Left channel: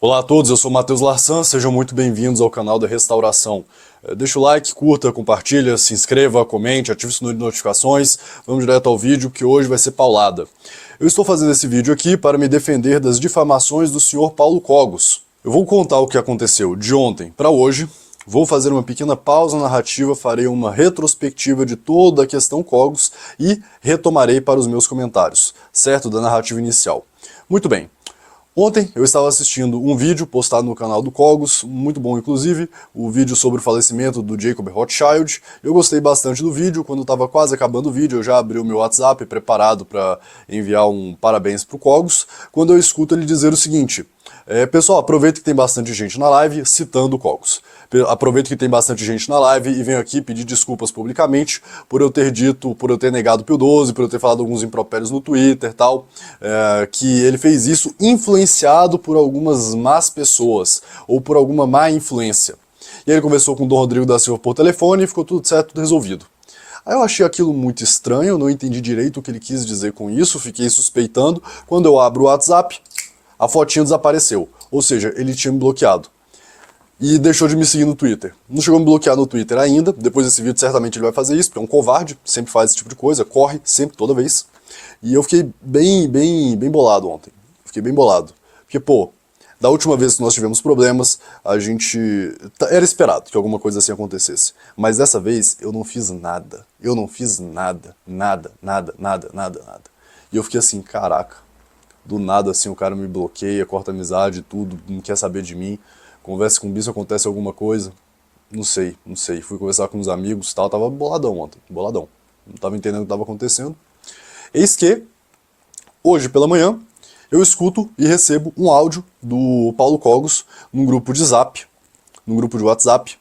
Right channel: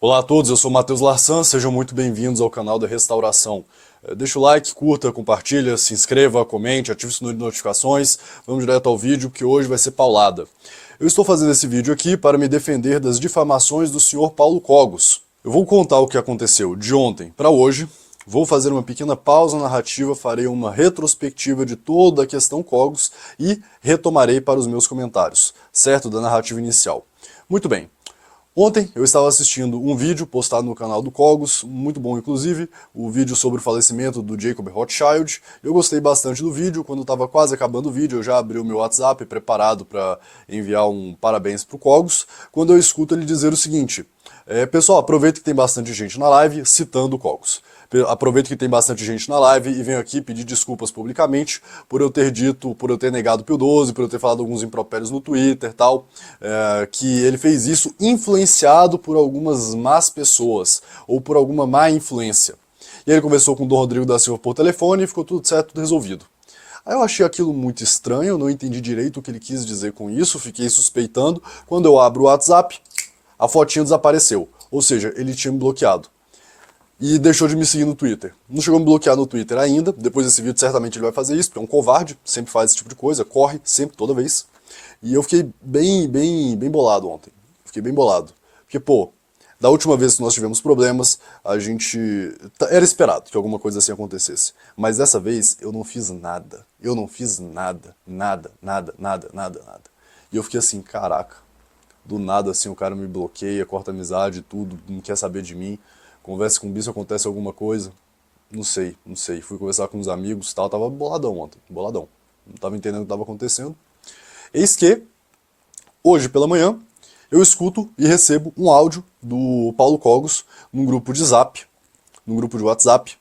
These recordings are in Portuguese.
Olá a todos, eu sou o Matheus Larsan, sejam muito bem-vindos ao canal da Restauração. Deixa o like, curta, compartilha, se inscreva, comente, ative o sininho de notificações. Vamos direto ao vídeo que hoje vai ser paulada. Eu estou fazendo esse vídeo aqui para me defender das difamações do senhor Paulo Cogos. Eu vou contar o que aconteceu de ontem para hoje, vou fazer uma pequena pausa narrativa, farei uma retrospectiva de toda a questão Cogos e retomarei para os meus comentários, certo? Da narrativa inicial. Muito bem. Ontem eu estava assistindo um vídeo postado no canal do Cogos, muito bom inclusive, o vídeo sobre o falecimento do Jacob Rothschild. Eu gostei bastante do vídeo, quando estava quase acabando o vídeo eu já abri o meu WhatsApp preparado para enviar um parabéns para o Cogos, quando eu escuto ele dizer o seguinte: pessoal, aproveita que tem bastante gente na live citando o Cogos. Aproveito que tem bastante gente na live e venho aqui pedir desculpas publicamente por eu ter dito, por eu ter negado o Pio 12, por eu ter falado alguns impropérios no Twitter e tal, que ele fez isso influenciado por algumas más pessoas ou por alguma má influência. E aí ele conversou com o Dom Rodrigo da Silva por telefone e ficou tudo certo, tudo resolvido. Aí eu achei aquilo muito estranho, não entendi direito o que ele quis dizer com isso, fiquei suspeitando. Quando eu abro o WhatsApp, a fotinha desapareceu, ou seja, ele tinha me bloqueado. E deixou de me seguir no Twitter. Não chegou a me bloquear no Twitter ainda, depois desse vídeo certamente ele vai fazer isso, porque é um covarde, sempre faz esse tipo de coisa, corre, sempre, toda vez. E eu fiquei bem bolado ontem. Fiquei bem bolado. Porque, pô, da última vez que nós tivemos problemas, a gente... Era esperado que alguma coisa assim acontecesse. Mas dessa vez eu não fiz nada. Eu não fiz nada. Nada. E eu fiquei assim, caraca. Do nada assim o cara me bloqueia, corta amizade, tudo, não quer saber de mim. Conversa com o bicho, acontece alguma coisa. Não sei. Fui conversar com uns amigos e tal, tava boladão ontem, boladão. Não tava entendendo o que estava acontecendo. Eis que, hoje pela manhã, eu escuto e recebo um áudio do Paulo Cogos num grupo de Zap, num grupo de WhatsApp,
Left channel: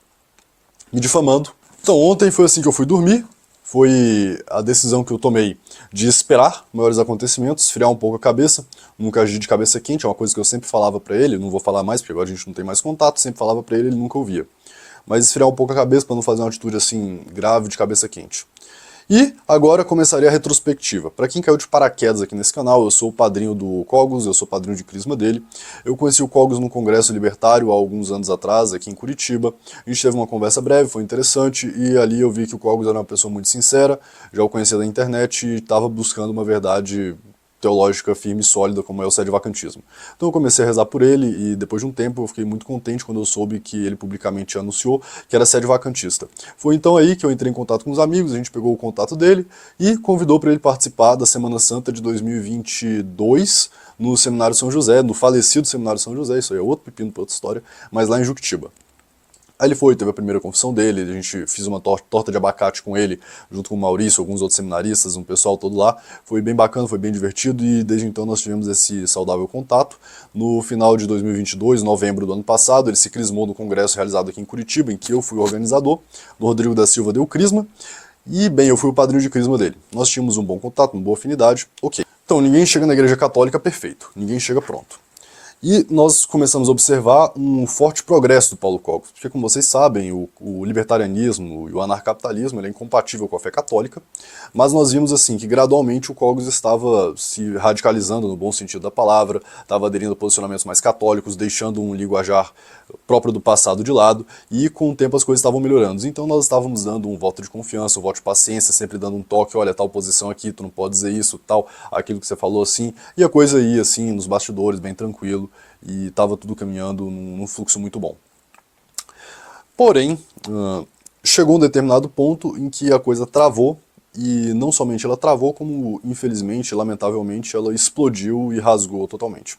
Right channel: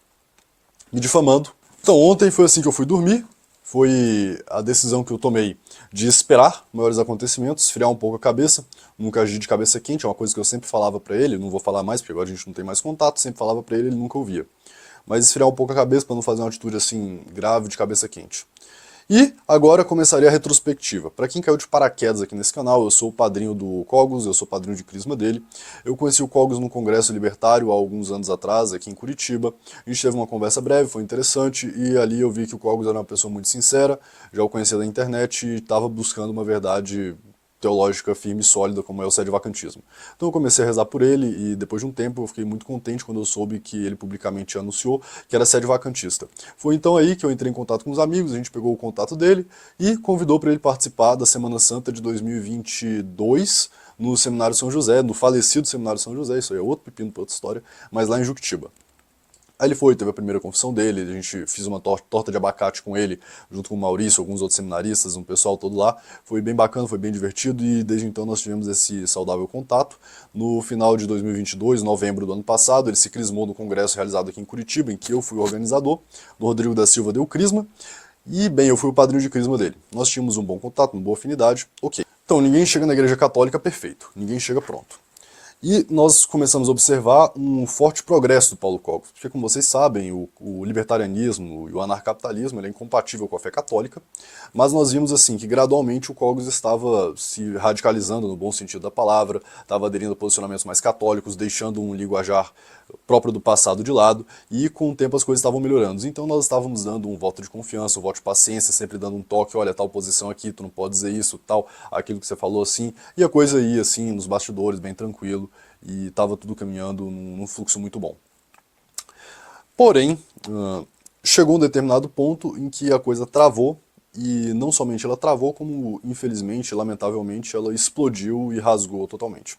me difamando. Então ontem foi assim que eu fui dormir, foi a decisão que eu tomei de esperar maiores acontecimentos, esfriar um pouco a cabeça, nunca agir de cabeça quente, é uma coisa que eu sempre falava pra ele, não vou falar mais porque agora a gente não tem mais contato, sempre falava pra ele, ele nunca ouvia. Mas esfriar um pouco a cabeça pra não fazer uma atitude assim grave de cabeça quente. E agora começaria a retrospectiva. Para quem caiu de paraquedas aqui nesse canal, eu sou o padrinho do Cogos, eu sou o padrinho de crisma dele. Eu conheci o Cogos no Congresso Libertário há alguns anos atrás, aqui em Curitiba. A gente teve uma conversa breve, foi interessante, e ali eu vi que o Cogos era uma pessoa muito sincera, já o conhecia da internet e estava buscando uma verdade teológica firme e sólida como é o sedevacantismo. Então eu comecei a rezar por ele e depois de um tempo eu fiquei muito contente quando eu soube que ele publicamente anunciou que era sedevacantista. Foi então aí que eu entrei em contato com os amigos, a gente pegou o contato dele e convidou para ele participar da Semana Santa de 2022 no Seminário São José, no falecido Seminário São José, isso aí é outro pepino para outra história, mas lá em Juquitiba. Aí ele foi, teve a primeira confissão dele, a gente fez uma torta de abacate com ele, junto com o Maurício, alguns outros seminaristas, um pessoal todo lá. Foi bem bacana, foi bem divertido e desde então nós tivemos esse saudável contato. No final de 2022, novembro do ano passado, ele se crismou no congresso realizado aqui em Curitiba, em que eu fui organizador. O Rodrigo da Silva deu crisma e, bem, eu fui o padrinho de crisma dele. Nós tínhamos um bom contato, uma boa afinidade, ok. Então, ninguém chega na igreja católica perfeito, ninguém chega pronto. E nós começamos a observar um forte progresso do Paulo Cogos, porque como vocês sabem, o libertarianismo e o anarcapitalismo ele é incompatível com a fé católica, mas nós vimos assim que gradualmente o Cogos estava se radicalizando no bom sentido da palavra, estava aderindo a posicionamentos mais católicos, deixando um linguajar próprio do passado de lado, e com o tempo as coisas estavam melhorando. Então nós estávamos dando um voto de confiança, um voto de paciência, sempre dando um toque, olha, tal posição aqui, tu não pode dizer isso, tal, aquilo que você falou assim, e a coisa ia assim, nos bastidores, bem tranquilo, e estava tudo caminhando num fluxo muito bom. Porém, chegou um determinado ponto em que a coisa travou, e não somente ela travou, como infelizmente, lamentavelmente, ela explodiu e rasgou totalmente.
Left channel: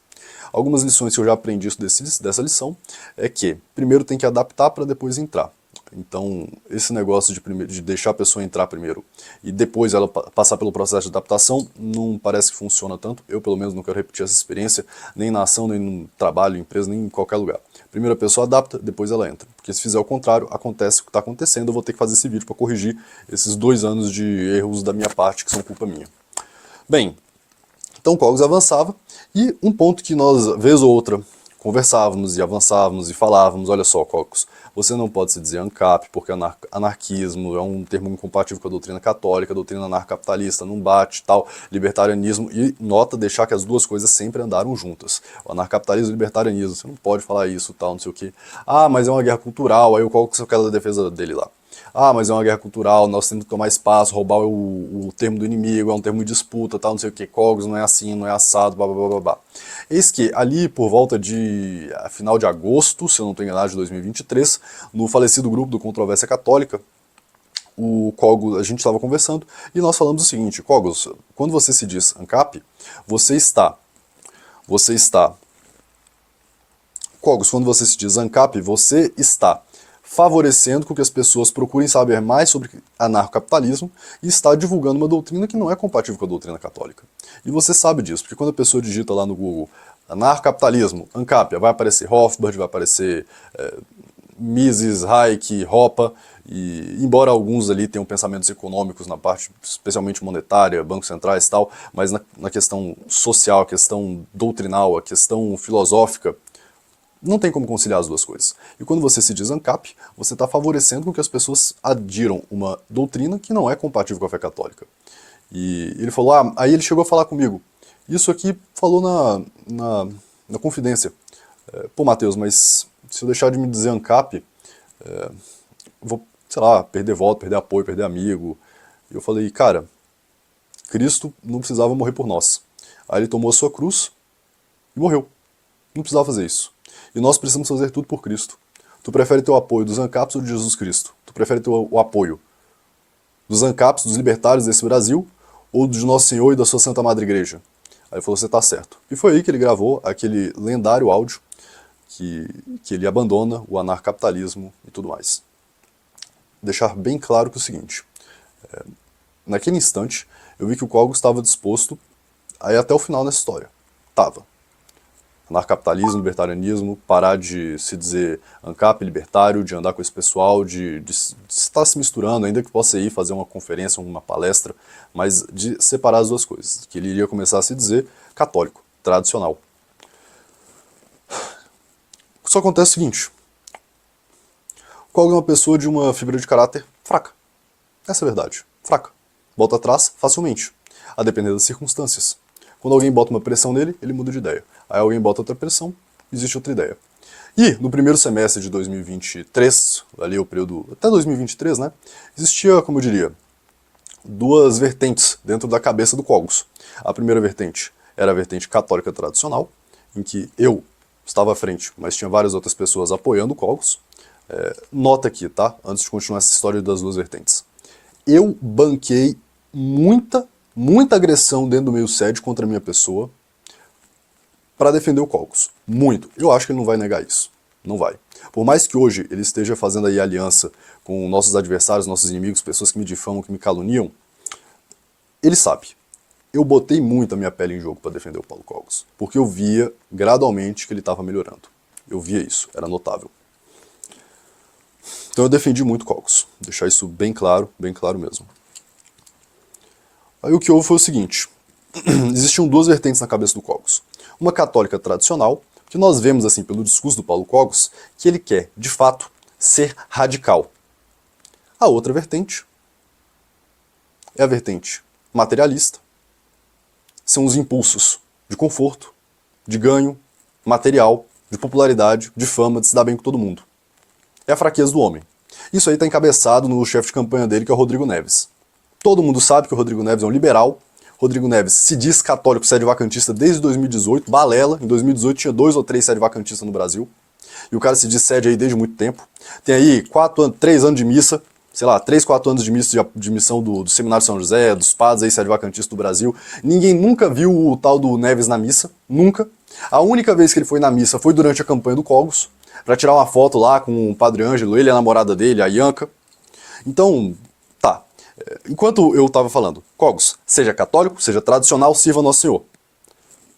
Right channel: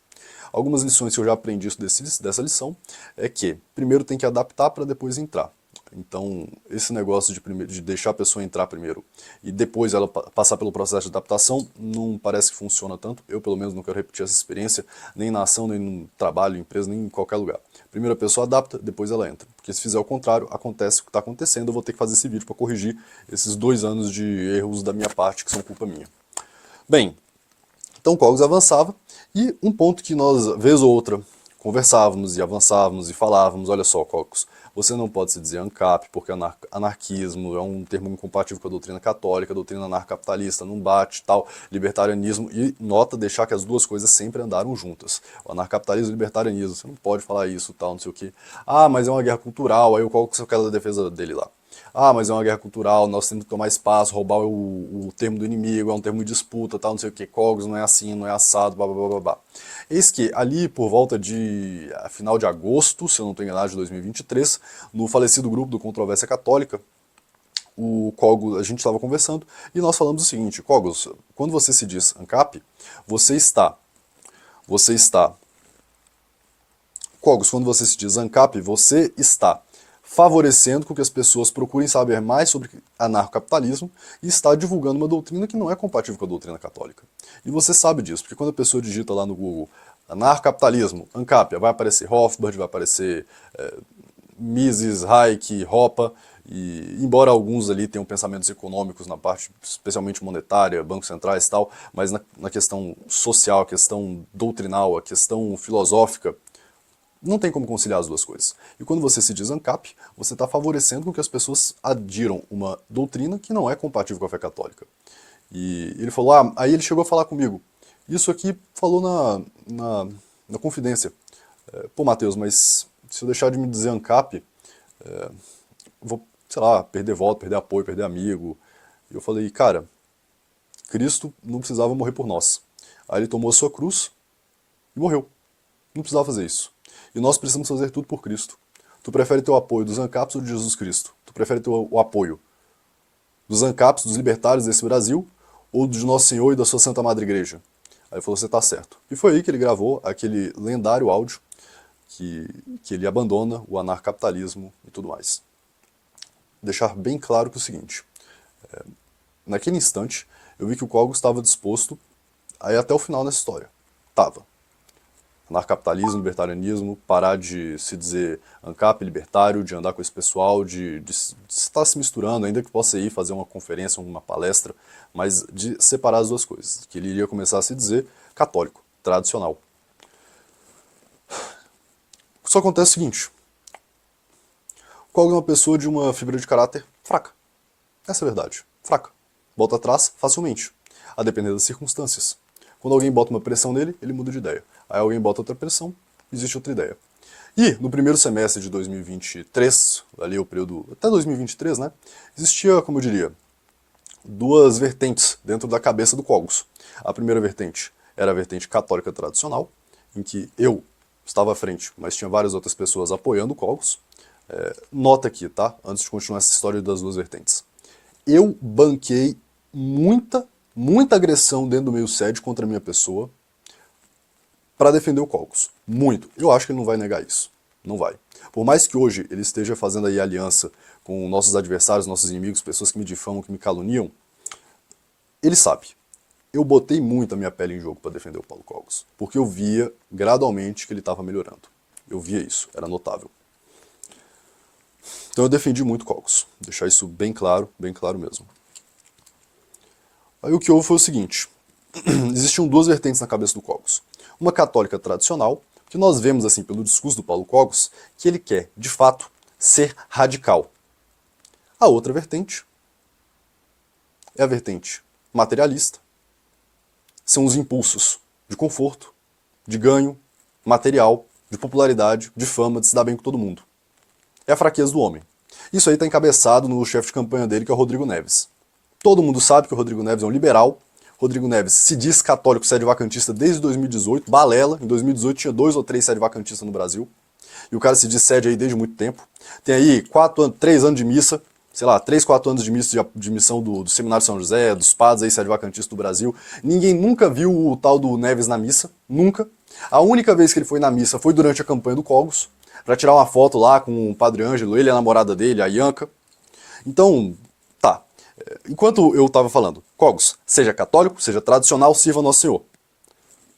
Algumas lições que eu já aprendi dessa lição é que primeiro tem que adaptar para depois entrar. Então, esse negócio de deixar a pessoa entrar primeiro e depois ela passar pelo processo de adaptação não parece que funciona tanto. Eu, pelo menos, não quero repetir essa experiência, nem na ação, nem no trabalho, empresa, nem em qualquer lugar. Primeiro a pessoa adapta, depois ela entra. Porque se fizer o contrário, acontece o que está acontecendo, eu vou ter que fazer esse vídeo para corrigir esses 2 anos de erros da minha parte, que são culpa minha. Bem, então o Cogos avançava, e um ponto que nós, vez ou outra, conversávamos e avançávamos e falávamos, olha só, Cocos, você não pode se dizer ANCAP, porque anarquismo é um termo incompatível com a doutrina católica, a doutrina anarcapitalista não bate, tal, libertarianismo, e nota deixar que as duas coisas sempre andaram juntas. O anarcapitalismo e o libertarianismo, você não pode falar isso, tal, não sei o quê. Ah, mas é uma guerra cultural, aí o Cocos quer da defesa dele lá. Ah, mas é uma guerra cultural, nós temos que tomar espaço, roubar o termo do inimigo, é um termo de disputa, tal, não sei o que, Cogos não é assim, não é assado, blá blá blá blá blá. Eis que ali por volta de final de agosto, se eu não estou enganado, de 2023, no falecido grupo do Controvérsia Católica, o Cogos, a gente estava conversando e nós falamos o seguinte, Cogos, quando você se diz ANCAP, Cogos, quando você se diz ANCAP, você está favorecendo com que as pessoas procurem saber mais sobre anarcocapitalismo e está divulgando uma doutrina que não é compatível com a doutrina católica. E você sabe disso, porque quando a pessoa digita lá no Google anarcocapitalismo, ANCAP, vai aparecer Rothbard, vai aparecer Mises, Hayek, Hoppe, e embora alguns ali tenham pensamentos econômicos na parte especialmente monetária, bancos centrais e tal, mas na questão social, a questão doutrinal, a questão filosófica, não tem como conciliar as duas coisas. E quando você se diz ANCAP, você está favorecendo com que as pessoas adiram uma doutrina que não é compatível com a fé católica. E ele falou, aí ele chegou a falar comigo, isso aqui falou na confidência. Pô, Matheus, mas se eu deixar de me dizer ANCAP, vou, sei lá, perder voto, perder apoio, perder amigo. E eu falei, cara, Cristo não precisava morrer por nós. Aí ele tomou a sua cruz e morreu. Não precisava fazer isso. E nós precisamos fazer tudo por Cristo. Tu prefere ter o apoio dos ANCAPs ou de Jesus Cristo? Tu prefere ter o apoio dos ANCAPs, dos libertários desse Brasil, ou de Nosso Senhor e da sua Santa Madre Igreja? Aí ele falou, você tá certo. E foi aí que ele gravou aquele lendário áudio que ele abandona o anarcapitalismo e tudo mais. Deixar bem claro que é o seguinte, naquele instante eu vi que o Cogos estava disposto a ir até o final nessa história. Tava. Anarcapitalismo, libertarianismo, parar de se dizer ANCAP, libertário, de andar com esse pessoal, de estar se misturando, ainda que possa ir fazer uma conferência, uma palestra, mas de separar as duas coisas. Que ele iria começar a se dizer católico, tradicional. Só acontece o seguinte, Cogos é uma pessoa de uma fibra de caráter fraca. Essa é a verdade, fraca. Volta atrás facilmente, a depender das circunstâncias. Quando alguém bota uma pressão nele, ele muda de ideia. Aí alguém bota outra pressão, existe outra ideia. E no primeiro semestre de 2023, ali o período até 2023, né, existia, como eu diria, duas vertentes dentro da cabeça do Cogos. A primeira vertente era a vertente católica tradicional, em que eu estava à frente, mas tinha várias outras pessoas apoiando o Cogos. Nota aqui, tá? Antes de continuar essa história das duas vertentes. Eu banquei muita agressão dentro do meio sede contra a minha pessoa para defender o Cogos. Muito. Eu acho que ele não vai negar isso. Não vai. Por mais que hoje ele esteja fazendo aí aliança com nossos adversários, nossos inimigos, pessoas que me difamam, que me caluniam, ele sabe. Eu botei muito a minha pele em jogo para defender o Paulo Cogos, porque eu via gradualmente que ele estava melhorando. Eu via isso, era notável. Então eu defendi muito Cogos. Deixar isso bem claro mesmo. Aí o que houve foi o seguinte, existiam duas vertentes na cabeça do Cogos. Uma católica tradicional, que nós vemos assim pelo discurso do Paulo Cogos, que ele quer, de fato, ser radical. A outra vertente é a vertente materialista. São os impulsos de conforto, de ganho, material, de popularidade, de fama, de se dar bem com todo mundo. É a fraqueza do homem. Isso aí está encabeçado no chefe de campanha dele, que é o Rodrigo Neves. Todo mundo sabe que o Rodrigo Neves é um liberal. Rodrigo Neves se diz católico sede-vacantista desde 2018, balela. Em 2018 tinha 2 ou 3 sede-vacantistas no Brasil. E o cara se diz sede aí desde muito tempo. Tem aí 3 anos de missa, sei lá, 3, 4 anos de missão do Seminário São José, dos padres aí sede-vacantistas do Brasil. Ninguém nunca viu o tal do Neves na missa, nunca. A única vez que ele foi na missa foi durante a campanha do Cogos, para tirar uma foto lá com o Padre Ângelo, ele e a namorada dele, a Ianca. Então, tá. Enquanto eu estava falando, Cogos, seja católico, seja tradicional, sirva Nosso Senhor.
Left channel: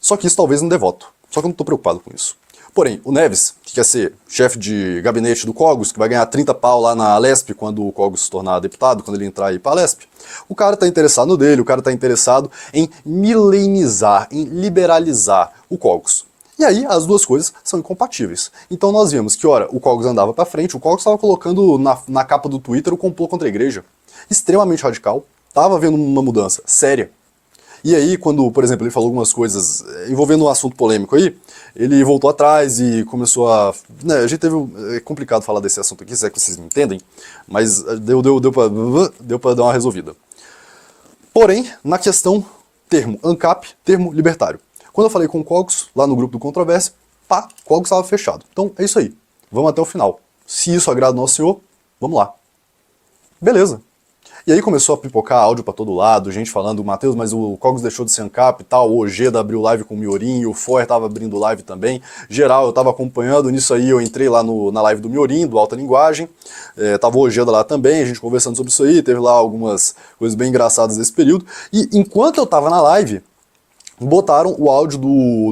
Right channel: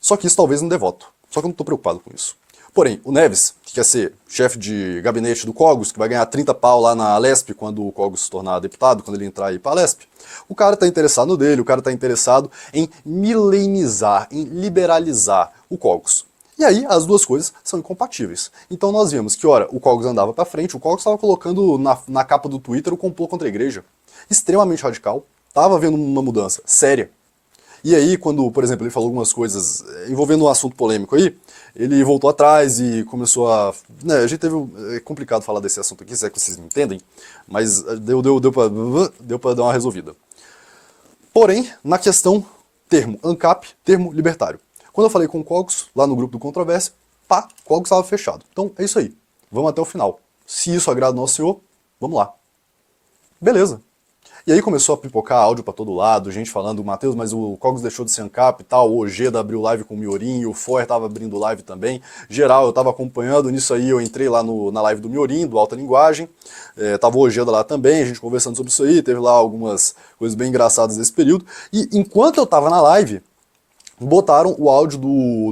Só que isso talvez não dê voto. Só que eu não estou preocupado com isso. Porém, o Neves, que quer ser chefe de gabinete do Cogos, que vai ganhar 30 pau lá na Alesp quando o Cogos se tornar deputado, quando ele entrar aí para a Alesp, o cara está interessado no dele, o cara está interessado em milenizar, em liberalizar o Cogos. E aí as duas coisas são incompatíveis. Então nós vimos que, ora, o Cogos andava para frente, o Cogos estava colocando na capa do Twitter o complô contra a igreja. Extremamente radical, estava havendo uma mudança séria. E aí, quando, por exemplo, ele falou algumas coisas envolvendo um assunto polêmico aí, ele voltou atrás e começou a... Né, a gente teve... É complicado falar desse assunto aqui, se é que vocês me entendem, mas deu pra dar uma resolvida. Porém, na questão termo ANCAP, termo libertário. Quando eu falei com o Cogos, lá no grupo do Controvérsia, pá, Cogos estava fechado. Então, é isso aí. Vamos até o final. Se isso agrada ao nosso senhor, vamos lá. Beleza. E aí começou a pipocar áudio pra todo lado, gente falando, Matheus, mas o Cogos deixou de ser ANCAP e tal, o Ojeda abriu live com o Miorim, o Foer tava abrindo live também. Geral, eu tava acompanhando, nisso aí eu entrei lá na live do Miorim, do Alta Linguagem, tava o Ojeda lá também, a gente conversando sobre isso aí, teve lá algumas coisas bem engraçadas nesse período. E enquanto eu tava na live, botaram o áudio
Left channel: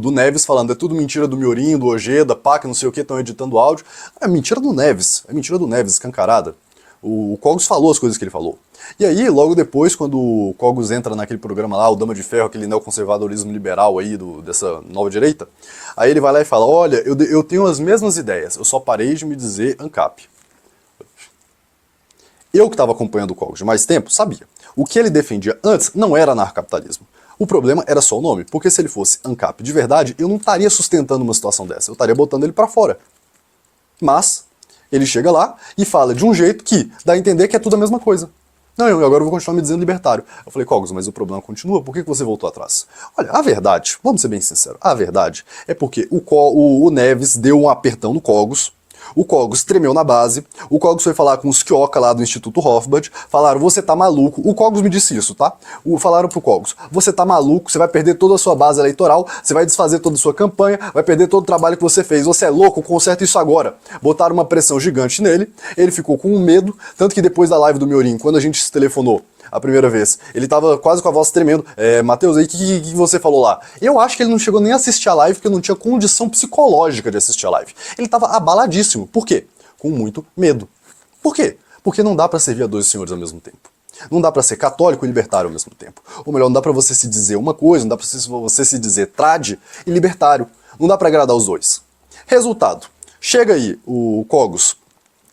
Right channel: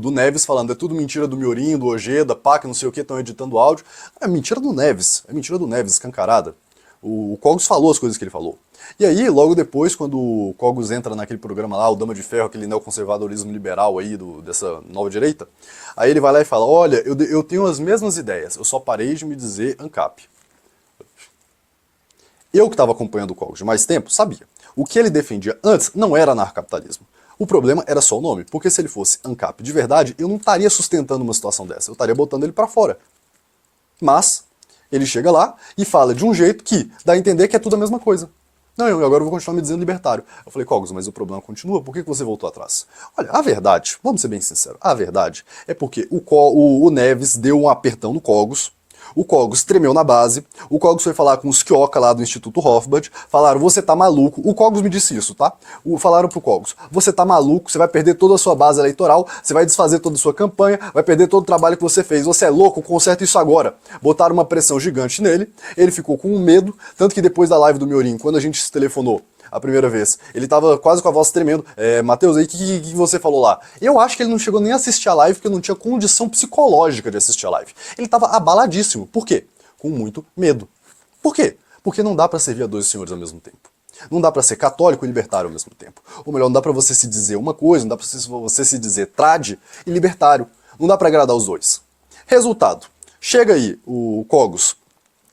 do Neves falando, é tudo mentira do Miorim, do Ojeda, pá, que não sei o que, estão editando o áudio. É mentira do Neves, escancarada. O Cogos falou as coisas que ele falou. E aí, logo depois, quando o Cogos entra naquele programa lá, o Dama de Ferro, aquele neoconservadorismo liberal aí, dessa nova direita, aí ele vai lá e fala, olha, eu tenho as mesmas ideias, eu só parei de me dizer ANCAP. Eu que estava acompanhando o Cogos de mais tempo, sabia. O que ele defendia antes não era anarcapitalismo. O problema era só o nome, porque se ele fosse ANCAP de verdade, eu não estaria sustentando uma situação dessa, eu estaria botando ele pra fora. Mas ele chega lá e fala de um jeito que dá a entender que é tudo a mesma coisa. Não, agora eu vou continuar me dizendo libertário. Eu falei, Cogos, mas o problema continua, por que você voltou atrás? Olha, a verdade, vamos ser bem sinceros, a verdade é porque o Neves deu um apertão no Cogos, o Cogos tremeu na base, o Cogos foi falar com os Kioka lá do Instituto Hofbard, falaram, você tá maluco, o Cogos me disse isso, tá? Falaram pro Cogos, você tá maluco, você vai perder toda a sua base eleitoral, você vai desfazer toda a sua campanha, vai perder todo o trabalho que você fez, você é louco, conserta isso agora. Botaram uma pressão gigante nele, ele ficou com medo, tanto que depois da live do Miorim, quando a gente se telefonou, a primeira vez. Ele tava quase com a voz tremendo. Matheus, aí o que você falou lá? Eu acho que ele não chegou nem a assistir a live porque não tinha condição psicológica de assistir a live. Ele tava abaladíssimo. Por quê? Com muito medo. Por quê? Porque não dá pra servir a dois senhores ao mesmo tempo. Não dá pra ser católico e libertário ao mesmo tempo. Ou melhor, não dá pra você se dizer uma coisa, não dá pra você se dizer trad e libertário. Não dá pra agradar os dois. Resultado. Chega aí o Cogos.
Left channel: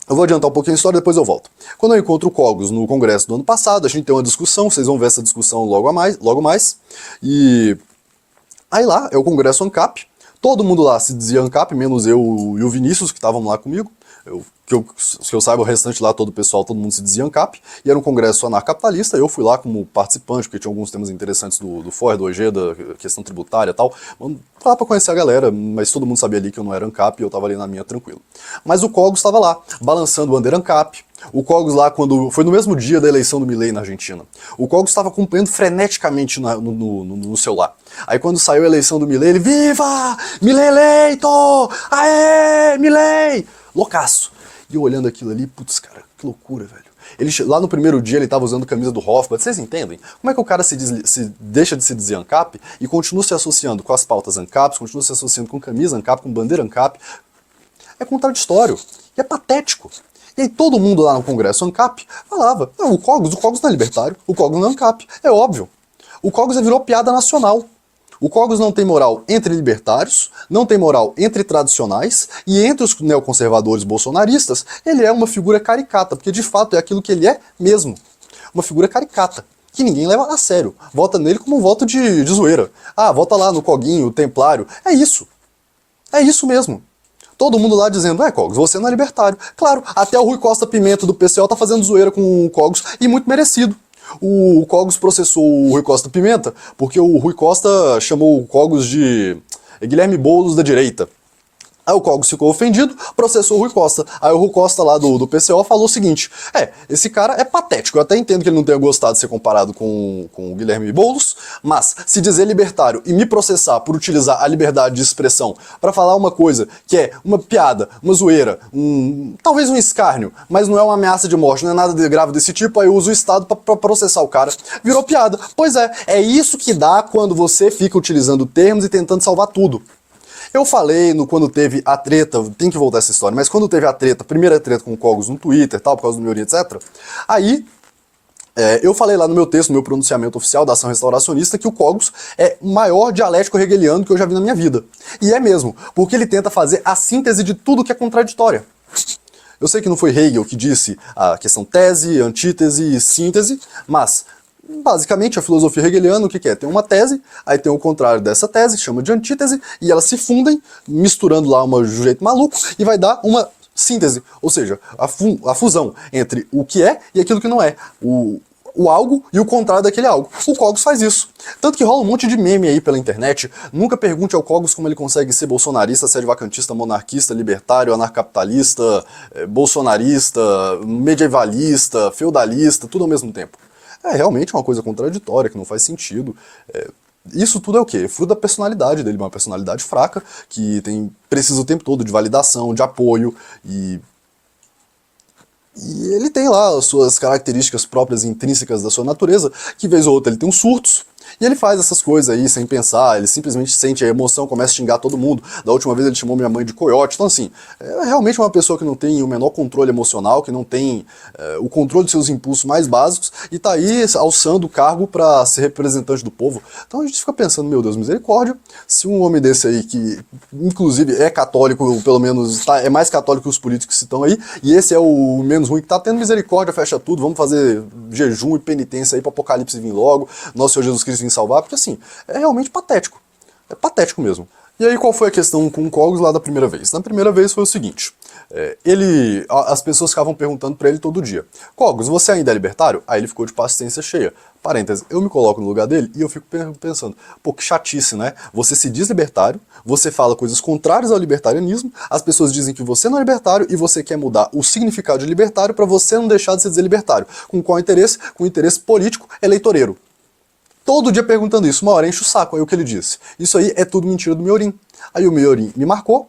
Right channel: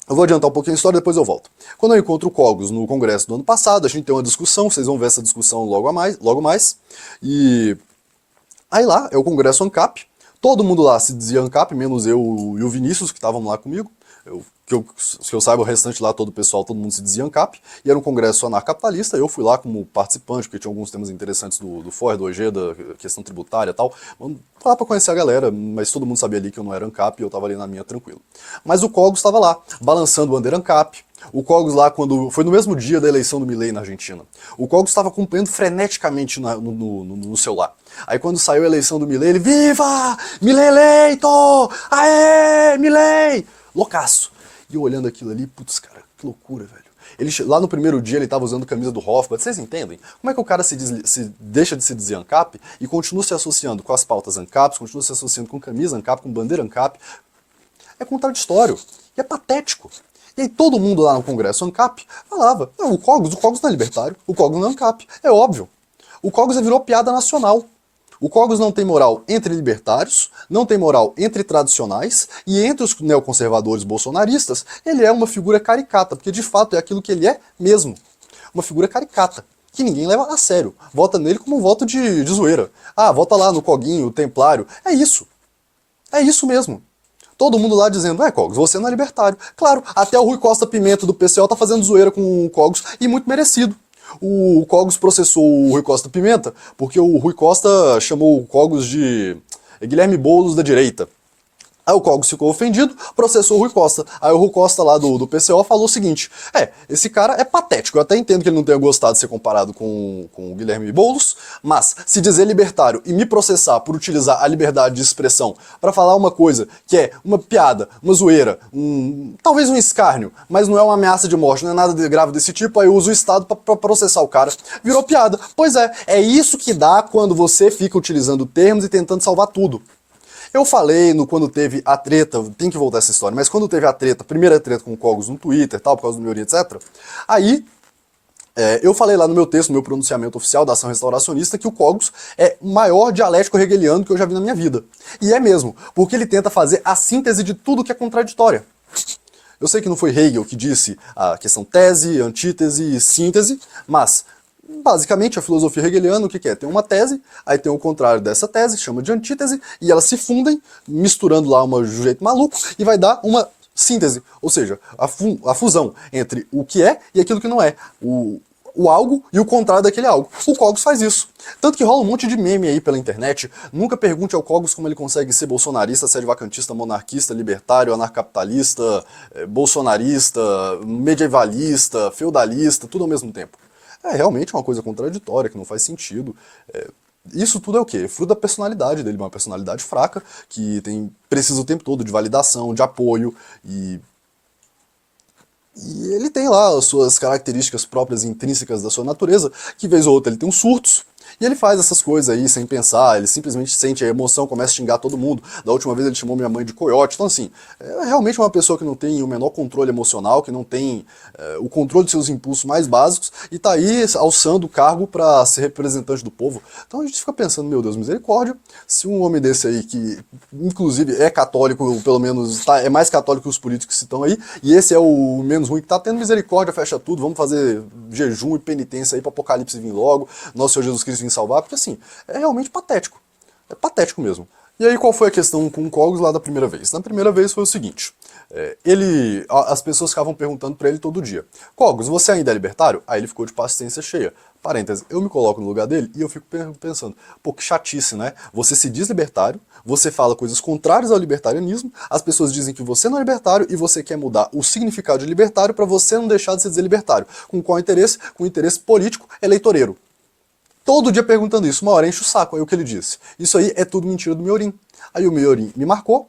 Eu vou adiantar um pouquinho a história, depois eu volto. Quando eu encontro o Cogos no congresso do ano passado, a gente tem uma discussão, vocês vão ver essa discussão logo mais. E aí lá é o congresso ANCAP, todo mundo lá se dizia ANCAP, menos eu e o Vinícius, que estavam lá comigo. Que eu saiba, o restante lá, todo o pessoal, todo mundo se dizia ANCAP, e era um congresso anarcapitalista, eu fui lá como participante, porque tinha alguns temas interessantes do FOR, do Ojeda, questão tributária e tal, fui lá pra conhecer a galera, mas todo mundo sabia ali que eu não era ANCAP, e eu tava ali na minha tranquilo. Mas o Cogos estava lá, balançando o bandeira ANCAP, o Cogos lá, quando foi no mesmo dia da eleição do Milei na Argentina, o Cogos estava acompanhando freneticamente no celular. Aí quando saiu a eleição do Milei, ele, viva! Milei eleito! Aê! Milei! Loucaço. E eu olhando aquilo ali, putz, cara, que loucura, velho. Lá no primeiro dia ele tava usando camisa do Hofbard, vocês entendem? Como é que o cara se deixa de se dizer ANCAP e continua se associando com as pautas ANCAPs, continua se associando com camisa ANCAP, com bandeira ANCAP? É contraditório. E é patético. E aí todo mundo lá no Congresso ANCAP falava, não, o Cogos não é libertário, o Cogos não é ANCAP, é óbvio. O Cogos virou piada nacional. O Cogos não tem moral entre libertários, não tem moral entre tradicionais, e entre os neoconservadores bolsonaristas, ele é uma figura caricata, porque de fato é aquilo que ele é mesmo. Uma figura caricata, que ninguém leva a sério. Vota nele como um voto de zoeira. Ah, vota lá no Coguinho, o Templário. É isso. É isso mesmo. Todo mundo lá dizendo, Cogos, você não é libertário. Claro, até o Rui Costa Pimenta do PCO tá fazendo zoeira com o Cogos, e muito merecido. O Cogos processou o Rui Costa Pimenta porque o Rui Costa chamou o Cogos de Guilherme Boulos da direita. Aí o Cogos ficou ofendido, processou o Rui Costa. Aí o Rui Costa lá do PCO falou o seguinte, esse cara é patético, eu até entendo que ele não tenha gostado de ser comparado com o Guilherme Boulos, mas se dizer libertário e me processar por utilizar a liberdade de expressão para falar uma coisa que é uma piada, uma zoeira, talvez um escárnio, mas não é uma ameaça de morte, não é nada de grave desse tipo, aí eu uso o Estado para processar o cara. Virou piada. Pois é isso que dá quando você fica utilizando termos e tentando salvar tudo. Eu falei quando teve a treta, tem que voltar essa história, mas quando teve a primeira treta com o Cogos no Twitter, tal, por causa do Miorim, etc., aí Eu falei lá no meu texto, no meu pronunciamento oficial da ação restauracionista, que o Cogos é o maior dialético hegeliano que eu já vi na minha vida. E é mesmo, porque ele tenta fazer a síntese de tudo que é contraditório. Eu sei que não foi Hegel que disse a questão tese, antítese e síntese, mas basicamente a filosofia hegeliana o que é? Tem uma tese, aí tem o contrário dessa tese, chama de antítese, e elas se fundem, misturando lá de um jeito maluco, e vai dar uma síntese, ou seja, a fusão entre o que é e aquilo que não é. O algo e o contrário daquele algo. O Cogos faz isso. Tanto que rola um monte de meme aí pela internet. Nunca pergunte ao Cogos como ele consegue ser bolsonarista, sedevacantista, monarquista, libertário, anarcapitalista, bolsonarista, medievalista, feudalista, tudo ao mesmo tempo. É realmente uma coisa contraditória, que não faz sentido. Isso tudo é o quê? É fruto da personalidade dele, uma personalidade fraca, que precisa o tempo todo de validação, de apoio, e ele tem lá as suas características próprias e intrínsecas da sua natureza, que vez ou outra ele tem uns surtos, e ele faz essas coisas aí sem pensar, ele simplesmente sente a emoção, começa a xingar todo mundo. Da última vez ele chamou minha mãe de coiote. Então assim, é realmente uma pessoa que não tem o menor controle emocional, que não tem o controle de seus impulsos mais básicos, e tá aí alçando o cargo para ser representante do povo. Então a gente fica pensando, meu Deus, misericórdia, se um homem desse aí, que inclusive é católico, pelo menos é mais católico que os políticos que estão aí, e esse é o menos ruim que tá tendo, misericórdia, fecha tudo, vamos fazer jejum e penitência aí pro apocalipse vir logo, nosso Senhor Jesus Cristo vir salvar, porque assim, é realmente patético. É patético mesmo. E aí qual foi a questão com o Cogos lá da primeira vez? Na primeira vez foi o seguinte, as pessoas ficavam perguntando pra ele todo dia, Cogos, você ainda é libertário? Aí ele ficou de paciência cheia. Parênteses, eu me coloco no lugar dele e eu fico pensando, pô, que chatice, né? Você se diz libertário, você fala coisas contrárias ao libertarianismo, as pessoas dizem que você não é libertário e você quer mudar o significado de libertário para você não deixar de se dizer libertário. Com qual interesse? Com o interesse político eleitoreiro. Todo dia perguntando isso, uma hora enche o saco. Aí o que ele disse? Isso aí é tudo mentira do Miorim. Aí o Miorim me marcou,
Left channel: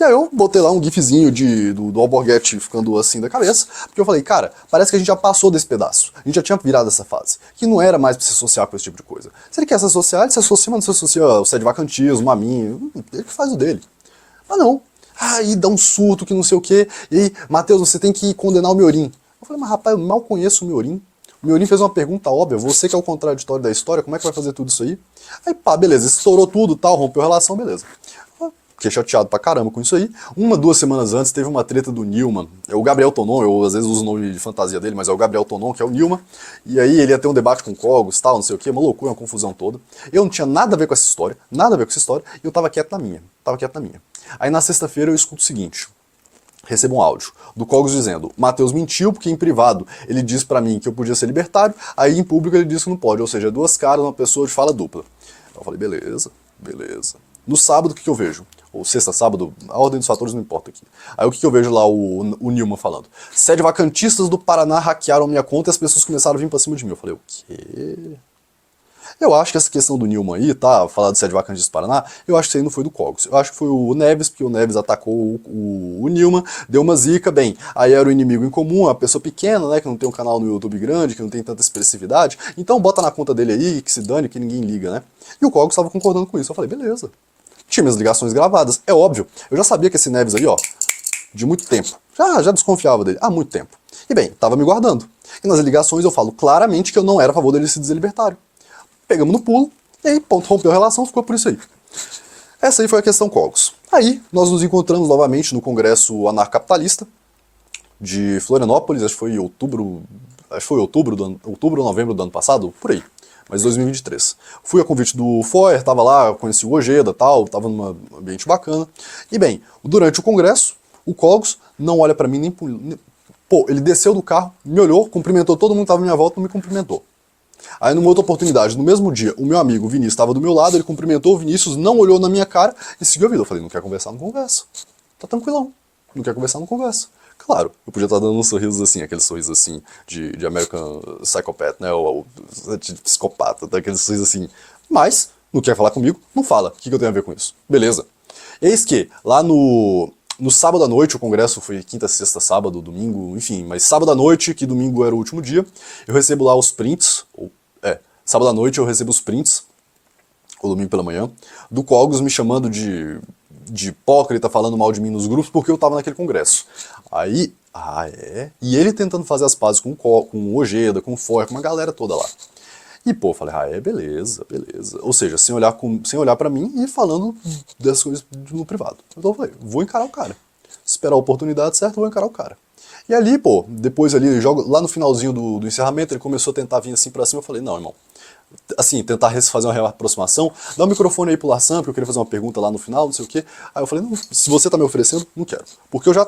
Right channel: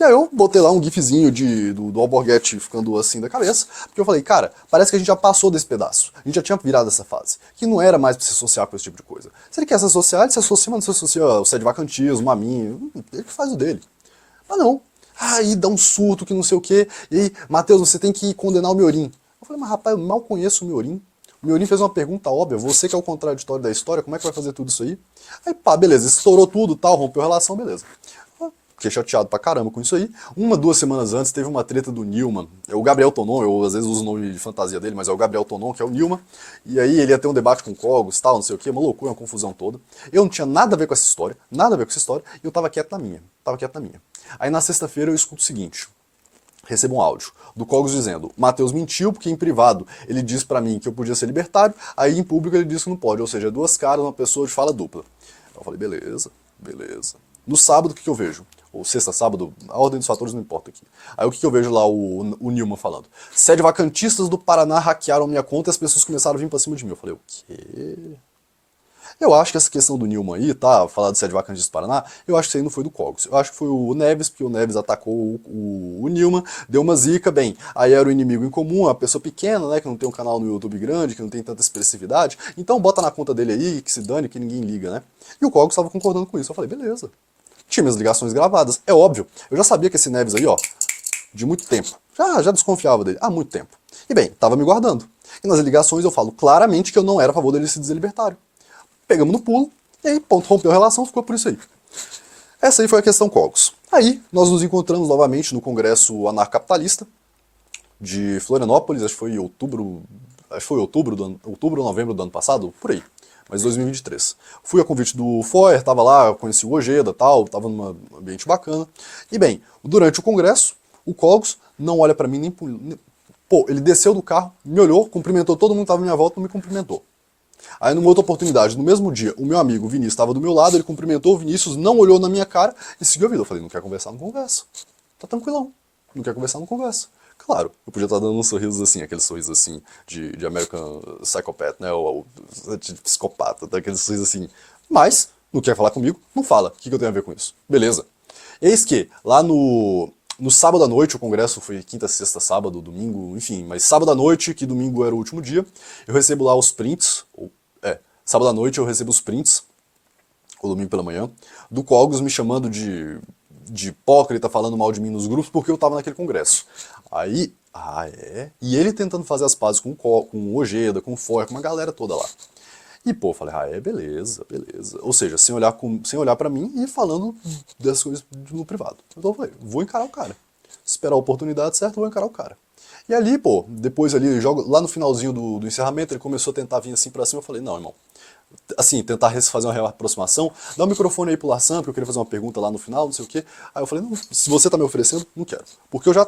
e aí eu botei lá um gifzinho do Alborguete ficando assim da cabeça, porque eu falei, cara, parece que a gente já passou desse pedaço. A gente já tinha virado essa fase. Que não era mais pra se associar com esse tipo de coisa. Se ele quer se associar, ele se associa, mas não se associa ao sedevacantismo, a mim. Ele faz o dele. Mas não. Aí dá um surto que não sei o quê. E aí, Matheus, você tem que condenar o Miorim. Eu falei, mas rapaz, eu mal conheço o Miorim. O Miorim fez uma pergunta óbvia, você que é o contraditório da história, como é que vai fazer tudo isso aí? Aí pá, beleza, estourou tudo, tal, rompeu a relação, beleza. Fiquei chateado pra caramba com isso aí. 2 semanas antes teve uma treta do Newman, é o Gabriel Tonon, eu às vezes uso o nome de fantasia dele, mas é o Gabriel Tonon, que é o Newman, e aí ele ia ter um debate com Cogos, tal, não sei o que, uma loucura, uma confusão toda. Eu não tinha nada a ver com essa história, nada a ver com essa história, e eu tava quieto na minha, Aí na sexta-feira eu escuto o seguinte, recebo um áudio do Cogos dizendo, Matheus mentiu porque em privado ele disse pra mim que eu podia ser libertário, aí em público ele disse que não pode, ou seja, duas caras, uma pessoa de fala dupla. Eu falei, beleza, beleza. No sábado, o que eu vejo? Ou sexta, sábado, a ordem dos fatores não importa aqui. Aí o que eu vejo lá, o Nilman falando? Sedevacantistas do Paraná hackearam minha conta e as pessoas começaram a vir pra cima de mim. Eu falei, o quê? Eu acho que essa questão do Nilman aí, tá? Falar do sedevacantistas do Paraná, eu acho que isso aí não foi do Cogos. Eu acho que foi o Neves, porque o Neves atacou o Nilman, deu uma zica, bem, aí era o inimigo em comum, uma pessoa pequena, né, que não tem um canal no YouTube grande, que não tem tanta expressividade, então bota na conta dele aí, que se dane, que ninguém liga, né? E o Cogos estava concordando com isso. Eu falei, beleza. Tinha minhas ligações gravadas, é óbvio. Eu já sabia que esse Neves aí, ó, de muito tempo. Já desconfiava dele, há muito tempo. E bem, tava me guardando. E nas ligações eu falo claramente que eu não era a favor dele se dizer libertário. Pegamos no pulo, e aí, ponto, rompeu a relação, ficou por isso aí. Essa aí foi a questão Cogos. Aí, nós nos encontramos novamente no Congresso Anarcapitalista de Florianópolis, acho que foi outubro ou novembro do ano passado, por aí, mas 2023. Fui a convite do Foer, tava lá, conheci o Ojeda, tal, tava num ambiente bacana. E bem, durante o congresso, o Cogos não olha pra mim nem... Pô, ele desceu do carro, me olhou, cumprimentou todo mundo que tava à minha volta, não me cumprimentou. Aí numa outra oportunidade, no mesmo dia, o meu amigo Vinícius estava do meu lado, ele cumprimentou o Vinícius, não olhou na minha cara e seguiu a vida. Eu falei, não quer conversar, não conversa. Tá tranquilão. Não quer conversar, não conversa. Claro, eu podia estar dando uns sorrisos assim, aquele sorriso assim de American Psychopath, né? Ou de psicopata, aquele sorriso assim. Mas, não quer falar comigo? Não fala. O que eu tenho a ver com isso? Beleza. Eis que, lá no sábado à noite, o congresso foi quinta, sexta, sábado, domingo, enfim, mas sábado à noite, que domingo era o último dia, eu recebo lá os prints, sábado à noite eu recebo os prints, ou domingo pela manhã, do Cogos me chamando de hipócrita, falando mal de mim nos grupos, porque eu tava naquele congresso. Aí, Ah, é? E ele tentando fazer as pazes com o Ojeda, com o Foy, com uma galera toda lá. E, pô, eu falei, ah, é, beleza, beleza. Ou seja, sem olhar pra mim e falando dessas coisas no privado. Então eu falei, vou encarar o cara. Esperar a oportunidade certa, vou encarar o cara. E ali, pô, depois ali, lá no finalzinho do encerramento, ele começou a tentar vir assim pra cima. Eu falei, não, irmão. Assim, tentar fazer uma reaproximação. Dá o microfone aí pro Larsan, porque eu queria fazer uma pergunta lá no final, não sei o quê. Aí eu falei, não, se você tá me oferecendo, não quero. Porque eu já